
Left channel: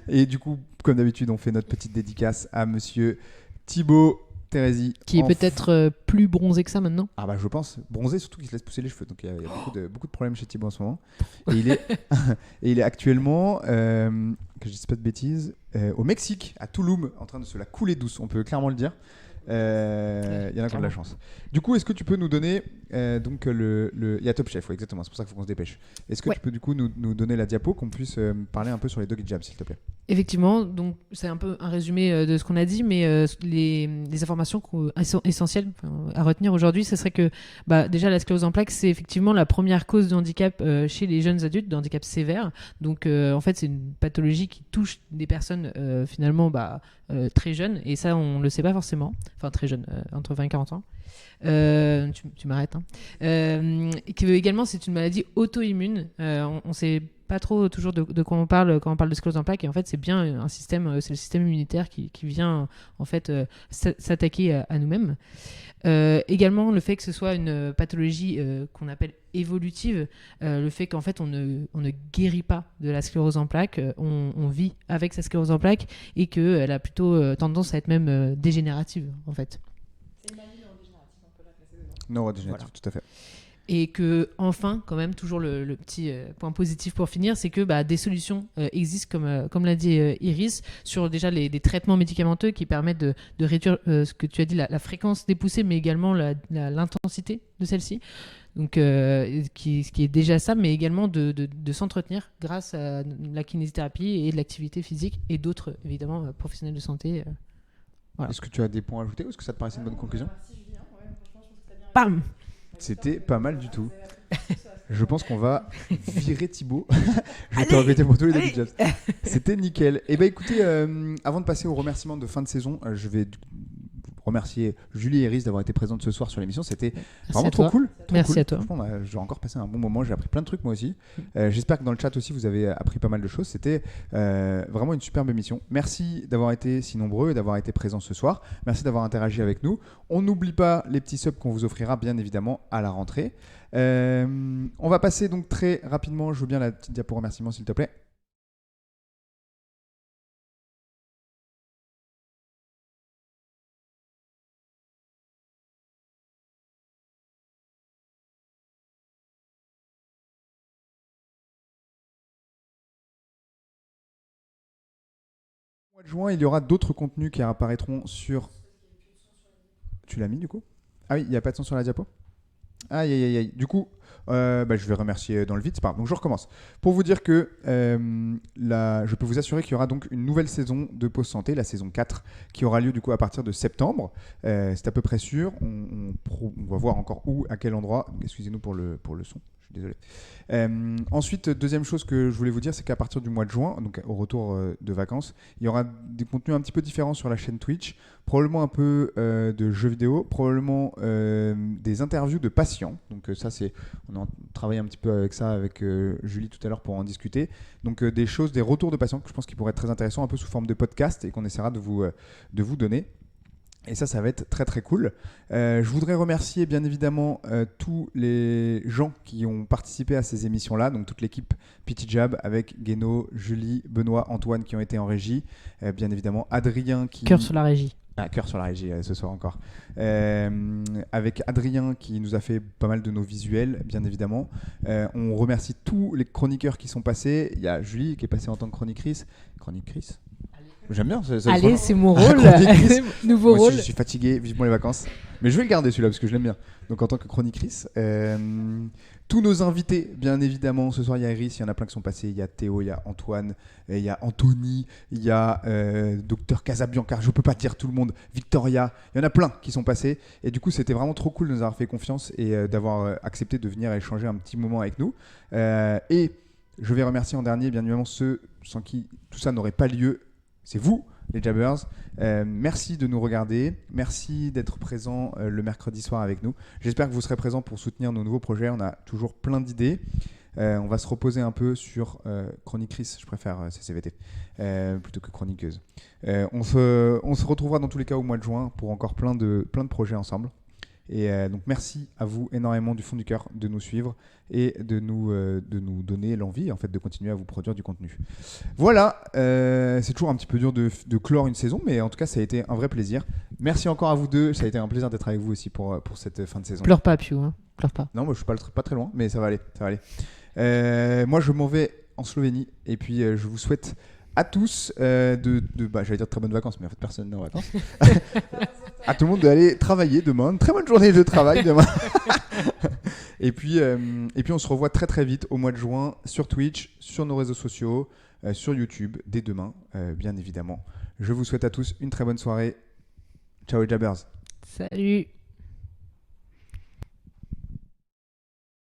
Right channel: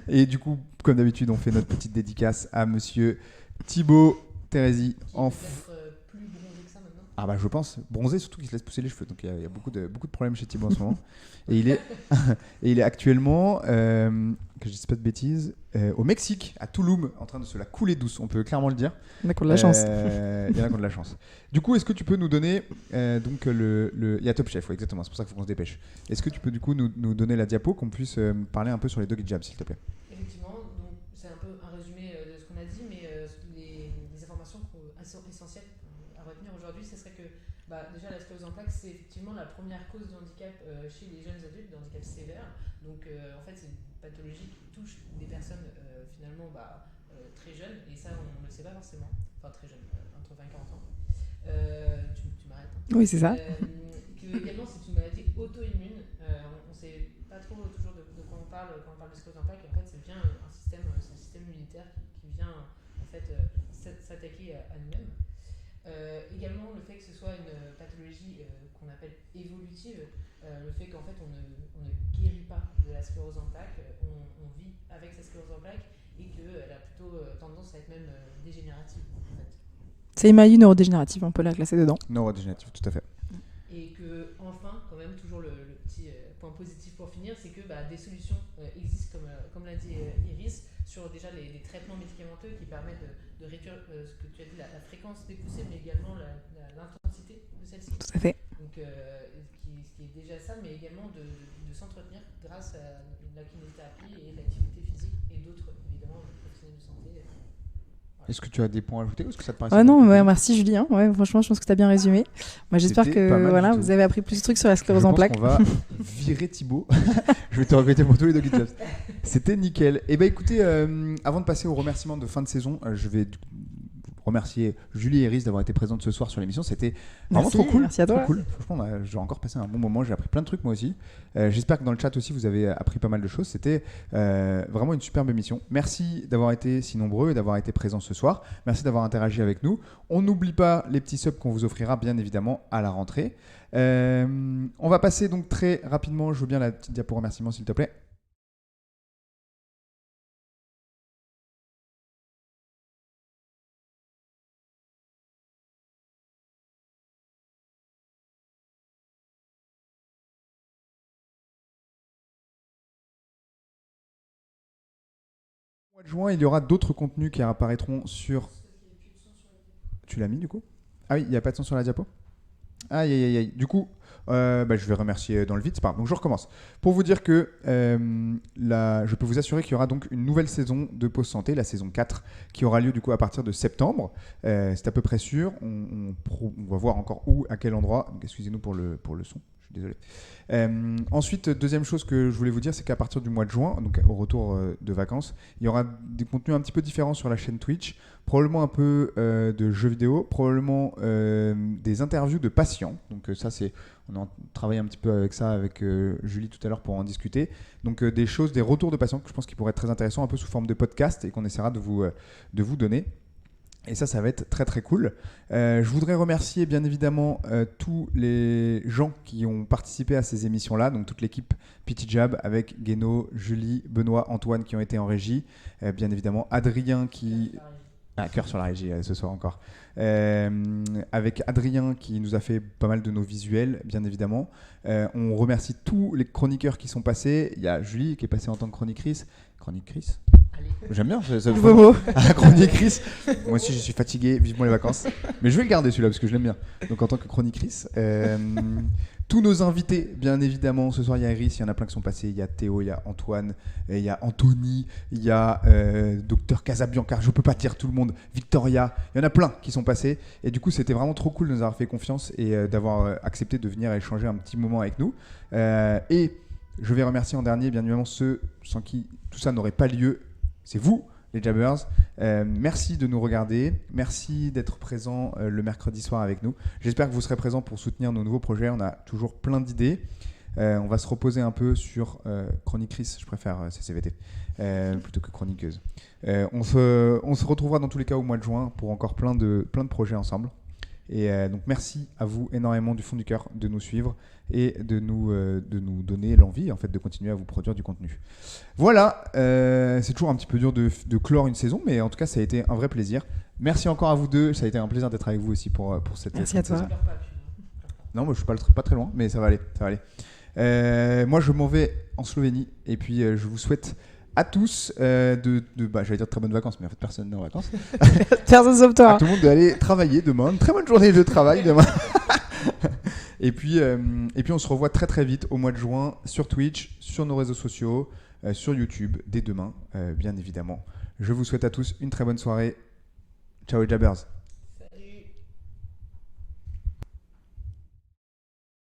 Et du coup, comme d'habitude, on fait notre petite dédicace à monsieur Thibaut Thérézy. Qui est peut-être plus bronzé que ça maintenant. Ah bah je pense. Bronzé, surtout qu'il se laisse pousser les cheveux. Donc il y a beaucoup de problèmes chez Thibaut en ce moment. Et il est actuellement, que je dise pas de bêtises, au Mexique, à Tulum, en train de se la couler douce. On peut clairement le dire. Il y en a qui ont de la chance. Il y en a qui ont de la chance. Du coup, est-ce que tu peux nous donner donc il y a Top Chef, exactement. C'est pour ça qu'il faut qu'on se dépêche. Est-ce que tu peux du coup nous donner la diapo, qu'on puisse parler un peu sur les doggy jabs, s'il te plaît? Effectivement, donc c'est un peu un résumé de ce qu'on a dit, mais les informations essentielles à retenir aujourd'hui, ce serait que déjà la sclérose en plaques, c'est effectivement la première cause de handicap chez les jeunes adultes, de handicap sévère. Donc en fait, c'est une pathologie qui touche des personnes finalement très jeunes, et ça on le sait pas forcément. Enfin très jeunes, entre 20 et 40 ans. Tu m'arrêtes, hein. Oui, c'est ça. Et que également c'est une maladie auto-immune. On sait pas trop toujours de quoi on parle quand on parle de sclérose en plaques, et en fait c'est bien un système, c'est le système immunitaire qui vient en fait s'attaquer à nous-mêmes. Également, le fait que ce soit une pathologie qu'on appelle évolutive, le fait qu'en fait on ne guérit pas de la sclérose en plaques, on vit avec sa sclérose en plaques et qu'elle a plutôt tendance à être même dégénérative en fait. C'est une maladie neurodégénérative, on peut la classer dedans. Neurodégénératif, tout à fait. Et que enfin, quand même, toujours le petit point positif pour finir, c'est que des solutions existent, comme l'a dit Iris, sur déjà des traitements médicamenteux qui permettent de réduire ce que tu as dit, la fréquence des poussées, mais également l'intensité de celle-ci. Tout à fait. Donc, ce qui est déjà ça, mais également de s'entretenir grâce à la kinésithérapie et de l'activité physique et d'autres, évidemment, professionnels de santé. Voilà. Est-ce que tu as des points à ajouter ou est-ce que ça te paraît Merci Julien. Ouais, franchement, je pense que tu as bien résumé. Moi, j'espère C'était que pas mal du tout. vous avez appris plus de trucs sur la Je sclérose en pense plaques. qu'on va virer Thibaut. Je vais te regretter pour tous les débuts de job. C'était nickel. Et écoutez, avant de passer aux remerciements de fin de saison, je vais remercier Julie et Iris d'avoir été présentes ce soir sur l'émission. C'était vraiment trop cool. Merci à toi. Merci Cool. à toi. Franchement, j'ai encore passé un bon moment. J'ai appris plein de trucs moi aussi. J'espère que dans le chat aussi vous avez appris pas mal de choses. C'était vraiment une superbe émission. Merci d'avoir été si nombreux et d'avoir été présents ce soir. Merci d'avoir interagi avec nous. On n'oublie pas les petits subs qu'on vous offrira bien évidemment à la rentrée. On va passer donc très rapidement. Je veux bien la petite diapo remerciement s'il te plaît. Au mois de juin, il y aura d'autres contenus qui apparaîtront sur... Tu l'as mis du coup ? Ah oui, il n'y a pas de son sur la diapo ? Aïe, aïe, aïe, aïe. Du coup, je vais remercier dans le vide, c'est pas grave. Donc je recommence. Pour vous dire que je peux vous assurer qu'il y aura donc une nouvelle saison de Pause Santé, la saison 4, qui aura lieu du coup à partir de septembre. C'est à peu près sûr. On va voir encore où, à quel endroit. Excusez-nous pour le son. Je suis désolé. Ensuite, deuxième chose que je voulais vous dire, c'est qu'à partir du mois de juin, donc au retour de vacances, il y aura des contenus un petit peu différents sur la chaîne Twitch, probablement un peu de jeux vidéo, probablement des interviews de patients. Donc ça, on a travaillé un petit peu avec ça avec Julie tout à l'heure pour en discuter. Donc des retours de patients que je pense qui pourraient être très intéressants, un peu sous forme de podcast et qu'on essaiera de vous donner. Et ça va être très très cool. Je voudrais remercier bien évidemment tous les gens qui ont participé à ces émissions-là, donc toute l'équipe Petit Jab avec Guéno, Julie, Benoît, Antoine qui ont été en régie. Bien évidemment Adrien qui... Cœur sur la régie. Ah, cœur sur la régie ce soir encore. Avec Adrien qui nous a fait pas mal de nos visuels, bien évidemment. On remercie tous les chroniqueurs qui sont passés. Il y a Julie qui est passée en tant que chroniqutrice. Chroniqutrice ? J'aime bien. Allez, c'est mon rôle. Chroniqutrice. Nouveau Moi rôle. aussi, je suis fatigué, vivement les vacances. Mais je vais le garder celui-là parce que je l'aime bien. Donc en tant que chroniqutrice. Tous nos invités, bien évidemment. Ce soir, il y a Iris, il y en a plein qui sont passés. Il y a Théo, il y a Antoine, il y a Anthony, il y a Docteur Casabianca. Je peux pas dire tout le monde. Victoria. Il y en a plein qui sont passés. Et du coup, c'était vraiment trop cool de nous avoir fait confiance et d'avoir accepté de venir échanger un petit moment avec nous. Et je vais remercier en dernier, bien évidemment, ceux sans qui tout ça n'aurait pas lieu. C'est vous, les Jabbers. Merci de nous regarder. Merci d'être présents le mercredi soir avec nous. J'espère que vous serez présents pour soutenir nos nouveaux projets. On a toujours plein d'idées. On va se reposer un peu sur chroniqutrice, je préfère CCVT, plutôt que chroniqueuse. On se retrouvera dans tous les cas au mois de juin pour encore plein de projets ensemble. Et donc merci à vous énormément du fond du cœur de nous suivre et de nous donner l'envie en fait de continuer à vous produire du contenu. Voilà, c'est toujours un petit peu dur de clore une saison, mais en tout cas ça a été un vrai plaisir. Merci encore à vous deux, ça a été un plaisir d'être avec vous aussi pour cette fin de saison. Pleure pas, Piu, hein. Pleure pas. Non, moi je suis pas très loin, mais ça va aller. Moi je m'en vais en Slovénie et puis je vous souhaite à tous j'allais dire de très bonnes vacances, mais en fait personne n'est en vacances. Personne sauf toi. À tout le monde d'aller travailler demain. Une très bonne journée de travail demain. et puis on se revoit très très vite au mois de juin sur Twitch, sur nos réseaux sociaux, sur YouTube dès demain, bien évidemment. Je vous souhaite à tous une très bonne soirée. Ciao les Jabbers. Salut.